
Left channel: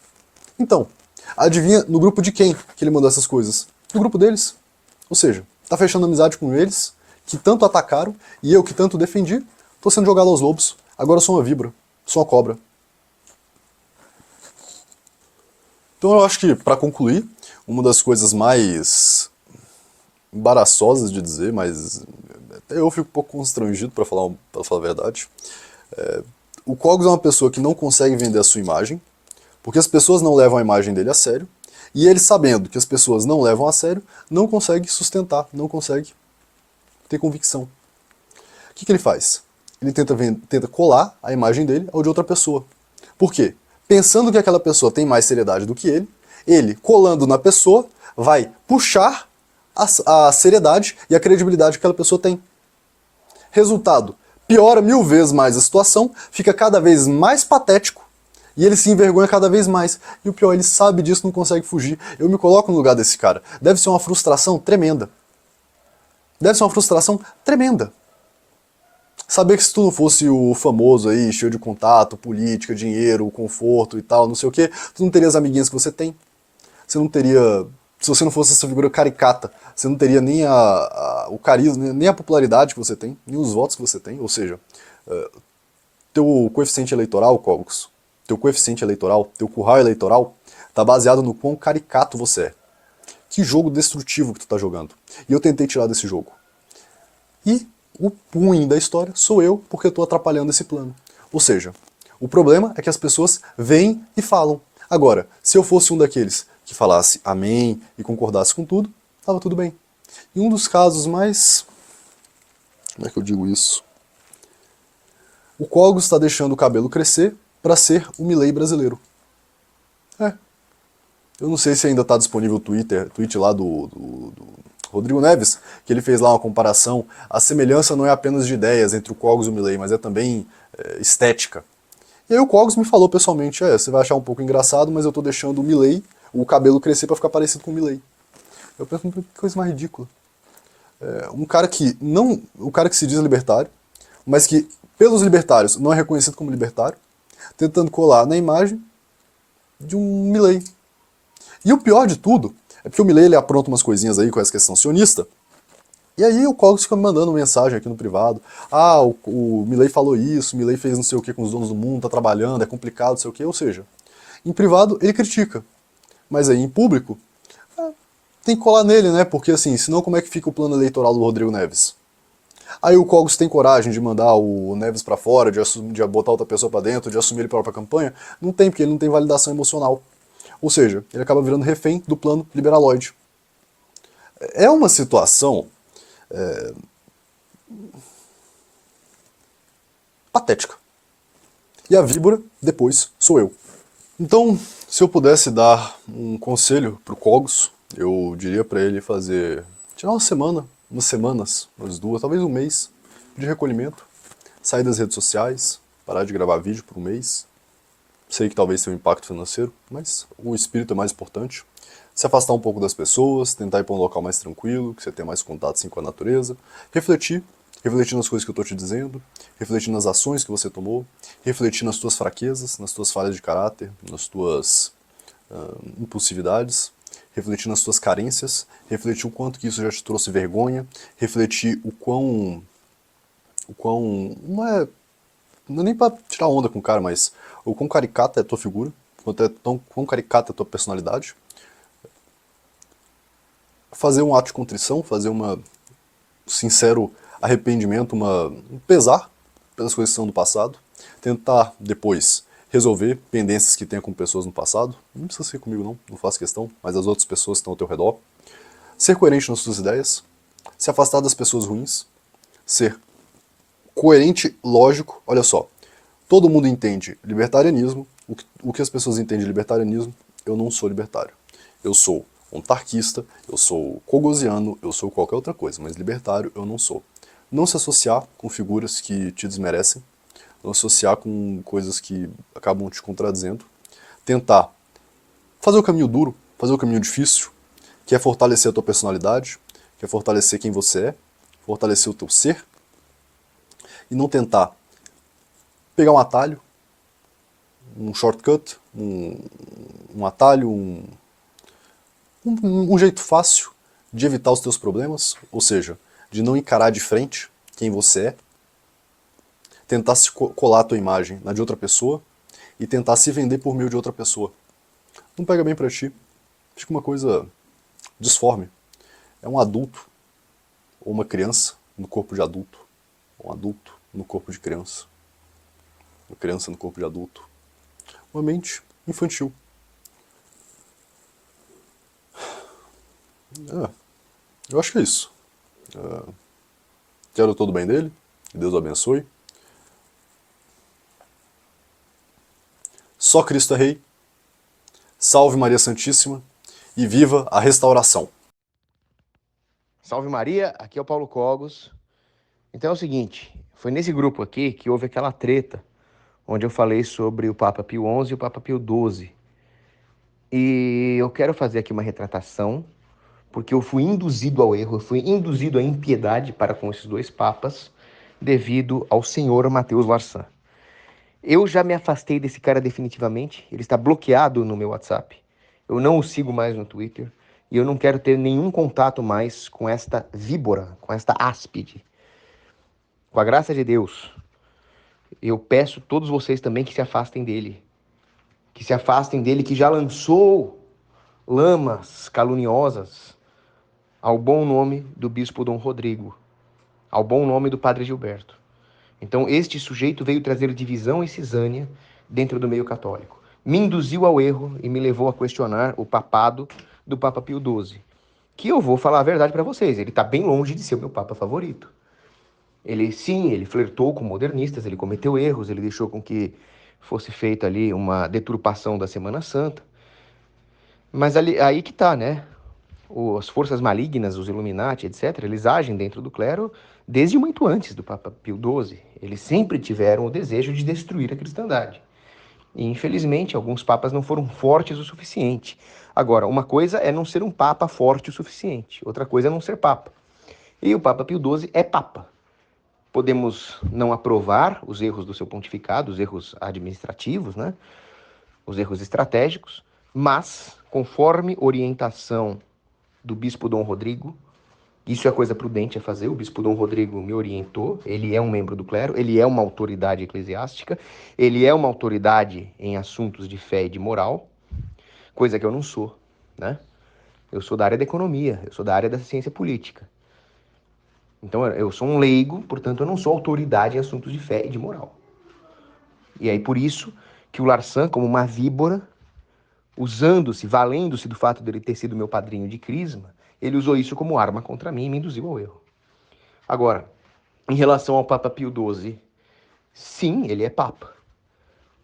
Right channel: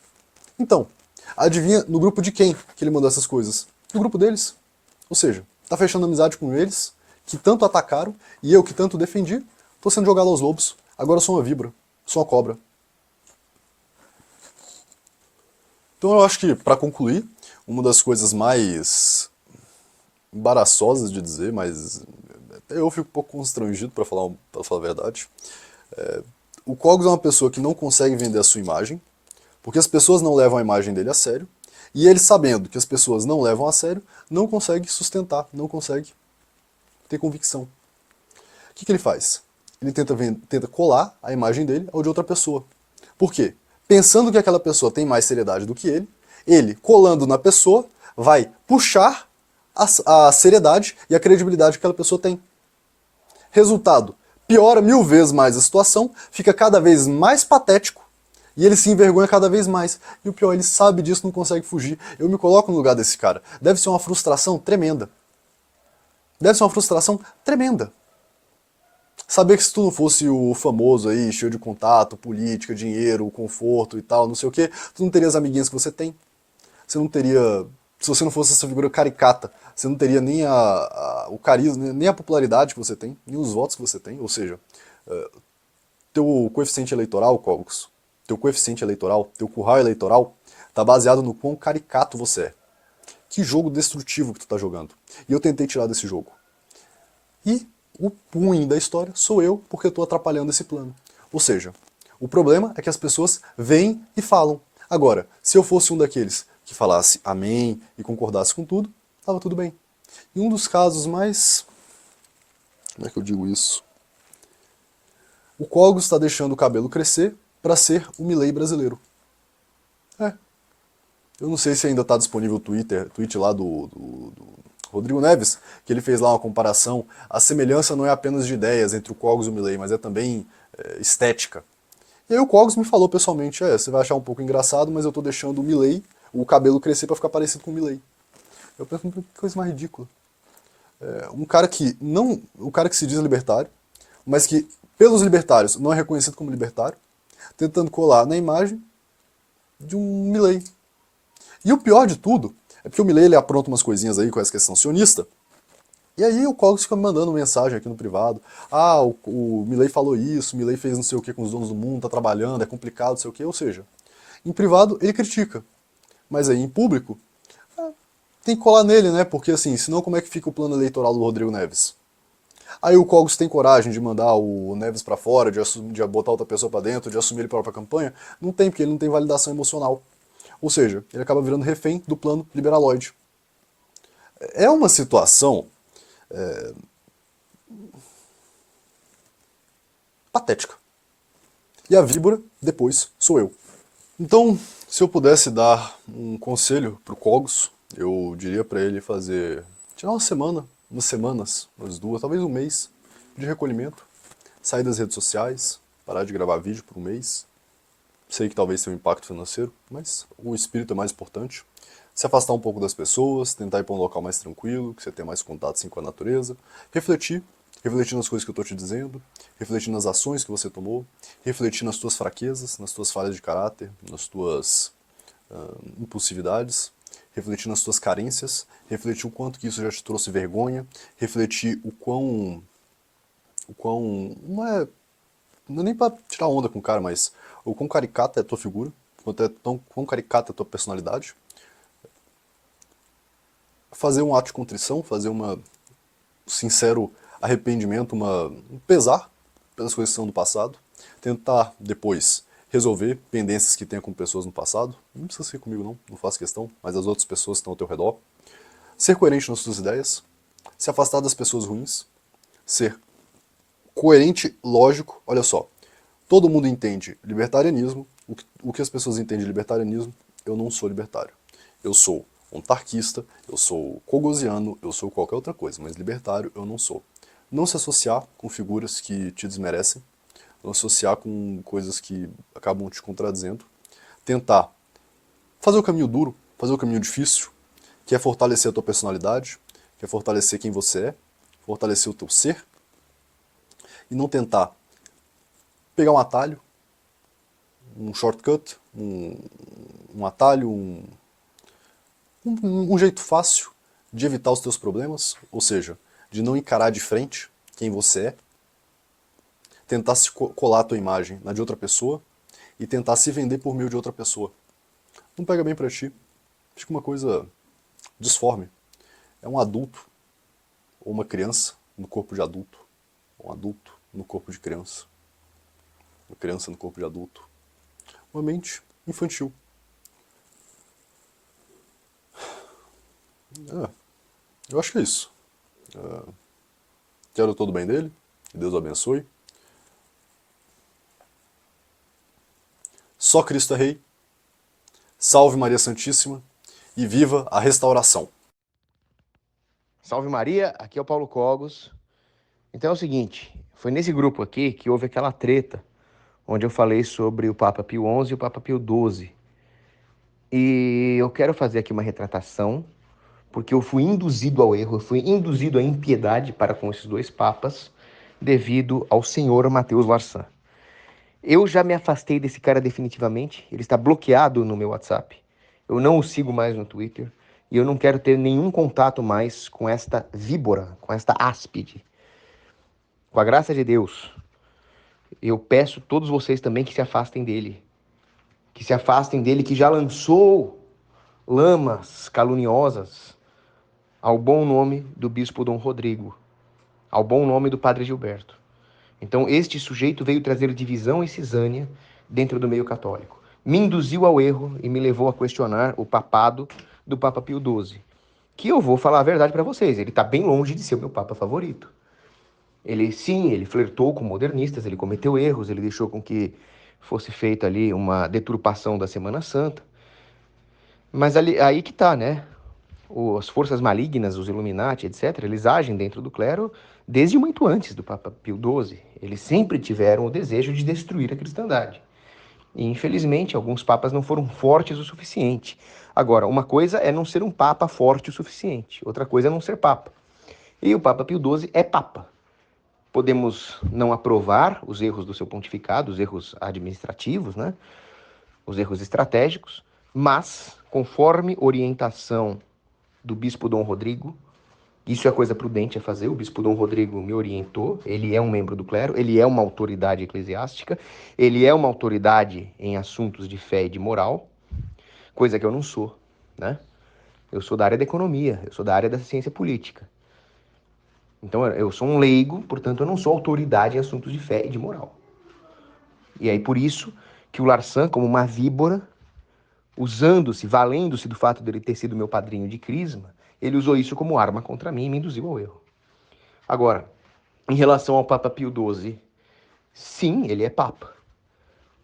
Então, adivinha no grupo de quem que ele mandou essas coisas? No grupo deles. Ou seja, tá fechando amizade com eles, que tanto atacaram, e eu que tanto defendi, tô sendo jogado aos lobos. Agora eu sou uma víbora, sou uma cobra. Então eu acho que, para concluir, uma das coisas mais embaraçosas de dizer, mas até eu fico um pouco constrangido, para falar a verdade, o Cogos é uma pessoa que não consegue vender a sua imagem, porque as pessoas não levam a imagem dele a sério, e ele, sabendo que as pessoas não levam a sério, não consegue sustentar, não consegue ter convicção. O que ele faz? Ele tenta colar a imagem dele ao de outra pessoa. Por quê? Pensando que aquela pessoa tem mais seriedade do que ele, colando na pessoa, vai puxar a seriedade e a credibilidade que aquela pessoa tem. Resultado, piora 1000 vezes mais a situação, fica cada vez mais patético, e ele se envergonha cada vez mais. E o pior, ele sabe disso, não consegue fugir. Eu me coloco no lugar desse cara. Deve ser uma frustração tremenda. Deve ser uma frustração tremenda. Saber que se tu não fosse o famoso aí, cheio de contato, política, dinheiro, conforto e tal, não sei o que, tu não teria as amiguinhas que você tem. Você não teria se você não fosse essa figura caricata, você não teria nem o carisma, nem a popularidade que você tem, nem os votos que você tem. Ou seja, teu coeficiente eleitoral, Cogos, teu coeficiente eleitoral, teu curral eleitoral, tá baseado no quão caricato você é. Que jogo destrutivo que tu tá jogando. E eu tentei tirar desse jogo. E o ruim da história sou eu, porque eu tô atrapalhando esse plano. Ou seja, o problema é que as pessoas vêm e falam. Agora, se eu fosse um daqueles que falasse amém e concordasse com tudo, tava tudo bem. E um dos casos mais... Como é que eu digo isso? O Cogos está deixando o cabelo crescer para ser o Milley brasileiro. Eu não sei se ainda está disponível o tweet lá do Rodrigo Neves, que ele fez lá uma comparação. A semelhança não é apenas de ideias entre o Cogos e o Milley, mas é também estética. E aí o Cogos me falou pessoalmente, você vai achar um pouco engraçado, mas eu tô deixando o Milley, o cabelo crescer para ficar parecido com o Milley. Eu penso, que coisa mais ridícula. Um cara que se diz libertário, mas que pelos libertários não é reconhecido como libertário, tentando colar na imagem de um Milley. E o pior de tudo é porque o Milley ele apronta umas coisinhas aí com essa questão sionista, e aí o Cogos fica me mandando mensagem aqui no privado. O Milley falou isso, o Milley fez não sei o que com os donos do mundo, tá trabalhando, é complicado, não sei o que. Ou seja, em privado ele critica, mas aí em público tem que colar nele, né? Porque assim, senão como é que fica o plano eleitoral do Rodrigo Neves? Aí o Cogos tem coragem de mandar o Neves pra fora, de botar outra pessoa pra dentro, de assumir ele pra própria campanha? Não tem, porque ele não tem validação emocional. Ou seja, ele acaba virando refém do plano liberaloide. É uma situação patética. E a víbora, depois, sou eu. Então, se eu pudesse dar um conselho pro Cogos, eu diria pra ele tirar uma semana, umas semanas, umas duas, talvez um mês de recolhimento, sair das redes sociais, parar de gravar vídeo por um mês. Sei que talvez tenha um impacto financeiro, mas o espírito é mais importante. Se afastar um pouco das pessoas, tentar ir para um local mais tranquilo, que você tenha mais contato assim, com a natureza. Refletir nas coisas que eu estou te dizendo, refletir nas ações que você tomou, refletir nas tuas fraquezas, nas tuas falhas de caráter, nas tuas impulsividades, refletir nas tuas carências, refletir o quanto que isso já te trouxe vergonha, refletir o quão não é nem pra tirar onda com o cara, mas o quão caricata é a tua figura, quão caricata é a tua personalidade. Fazer um ato de contrição, fazer um sincero arrependimento, um pesar pelas coisas que são do passado. Tentar, depois, resolver pendências que tenha com pessoas no passado. Não precisa ser comigo não faço questão, mas as outras pessoas que estão ao teu redor. Ser coerente nas suas ideias, se afastar das pessoas ruins, ser coerente, lógico. Olha só, todo mundo entende libertarianismo. O que as pessoas entendem de libertarianismo, eu não sou libertário. Eu sou monarquista, eu sou cogosiano, eu sou qualquer outra coisa, mas libertário eu não sou. Não se associar com figuras que te desmerecem, não associar com coisas que acabam te contradizendo. Tentar fazer o caminho duro, fazer o caminho difícil, que é fortalecer a tua personalidade, que é fortalecer quem você é, fortalecer o teu ser, e não tentar pegar um atalho, um shortcut, um atalho, um jeito fácil de evitar os teus problemas, ou seja, de não encarar de frente quem você é, tentar se colar a tua imagem na de outra pessoa e tentar se vender por meio de outra pessoa. Não pega bem pra ti, fica uma coisa disforme. É um adulto ou uma criança no corpo de adulto, um adulto no corpo de criança, uma criança no corpo de adulto, uma mente infantil. Eu acho que é isso. Quero todo o bem dele, que Deus o abençoe. Só Cristo é Rei. Salve Maria Santíssima e viva a restauração. Salve Maria, aqui é o Paulo Cogos. Então é o seguinte, foi nesse grupo aqui que houve aquela treta, onde eu falei sobre o Papa Pio XI e o Papa Pio XII. E eu quero fazer aqui uma retratação, porque eu fui induzido ao erro, eu fui induzido à impiedade para com esses dois papas, devido ao senhor Matheus Larsan. Eu já me afastei desse cara definitivamente, ele está bloqueado no meu WhatsApp, eu não o sigo mais no Twitter, E eu não quero ter nenhum contato mais com esta víbora, com esta áspide. Com a graça de Deus, eu peço a todos vocês também que se afastem dele. Que se afastem dele, que já lançou lamas caluniosas ao bom nome do bispo Dom Rodrigo, ao bom nome do padre Gilberto. Então, este sujeito veio trazer divisão e cisânia dentro do meio católico. Me induziu ao erro e me levou a questionar o papado do Papa Pio XII. Que eu vou falar a verdade para vocês, ele está bem longe de ser o meu Papa favorito. Ele flertou com modernistas, ele cometeu erros, ele deixou com que fosse feita ali uma deturpação da Semana Santa. Mas aí que tá, né? As forças malignas, os Illuminati, etc., eles agem dentro do clero desde muito antes do Papa Pio XII. Eles sempre tiveram o desejo de destruir a cristandade. E, infelizmente, alguns papas não foram fortes o suficiente. Agora, uma coisa é não ser um papa forte o suficiente, outra coisa é não ser papa. E o Papa Pio XII é papa. Podemos não aprovar os erros do seu pontificado, os erros administrativos, né? Os erros estratégicos, mas, conforme orientação do bispo Dom Rodrigo, isso é coisa prudente a fazer, o bispo Dom Rodrigo me orientou, ele é um membro do clero, ele é uma autoridade eclesiástica, ele é uma autoridade em assuntos de fé e de moral, coisa que eu não sou, né? Eu sou da área da economia, eu sou da área da ciência política. Então eu sou um leigo, portanto eu não sou autoridade em assuntos de fé e de moral. E aí por isso que o Larsan, como uma víbora, usando-se, valendo-se do fato dele ter sido meu padrinho de crisma, ele usou isso como arma contra mim e me induziu ao erro. Agora, em relação ao Papa Pio XII, sim, ele é papa.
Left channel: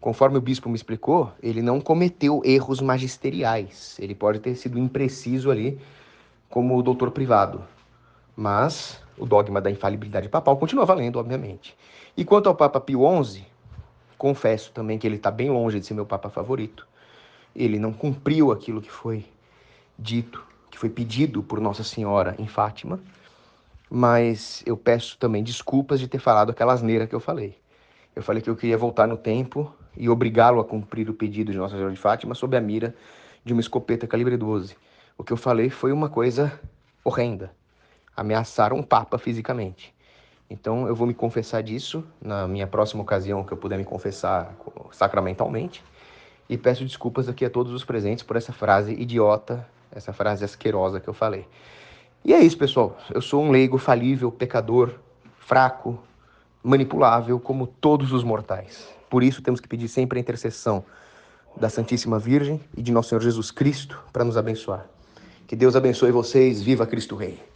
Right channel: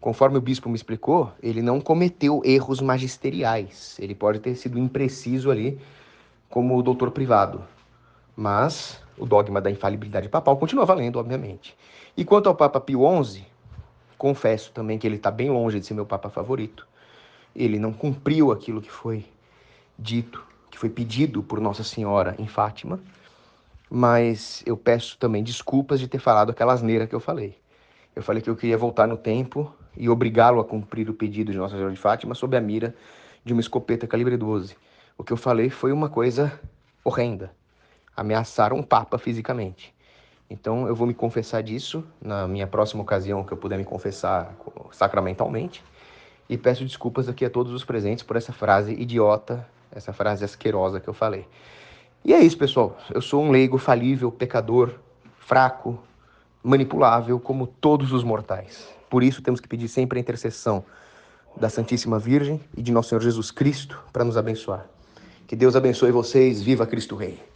Conforme o bispo me explicou, ele não cometeu erros magisteriais. Ele pode ter sido impreciso ali como doutor privado. Mas o dogma da infalibilidade papal continua valendo, obviamente. E quanto ao Papa Pio XI, confesso também que ele está bem longe de ser meu papa favorito. Ele não cumpriu aquilo que foi dito, que foi pedido por Nossa Senhora em Fátima, mas eu peço também desculpas de ter falado aquela asneira que eu falei. Eu falei que eu queria voltar no tempo e obrigá-lo a cumprir o pedido de Nossa Senhora de Fátima sob a mira de uma escopeta calibre 12. O que eu falei foi uma coisa horrenda. Ameaçar um papa fisicamente. Então eu vou me confessar disso na minha próxima ocasião que eu puder me confessar sacramentalmente. E peço desculpas aqui a todos os presentes por essa frase idiota, essa frase asquerosa que eu falei. E é isso, pessoal. Eu sou um leigo falível, pecador, fraco, manipulável, como todos os mortais. Por isso temos que pedir sempre a intercessão da Santíssima Virgem e de Nosso Senhor Jesus Cristo para nos abençoar. Que Deus abençoe vocês. Viva Cristo Rei!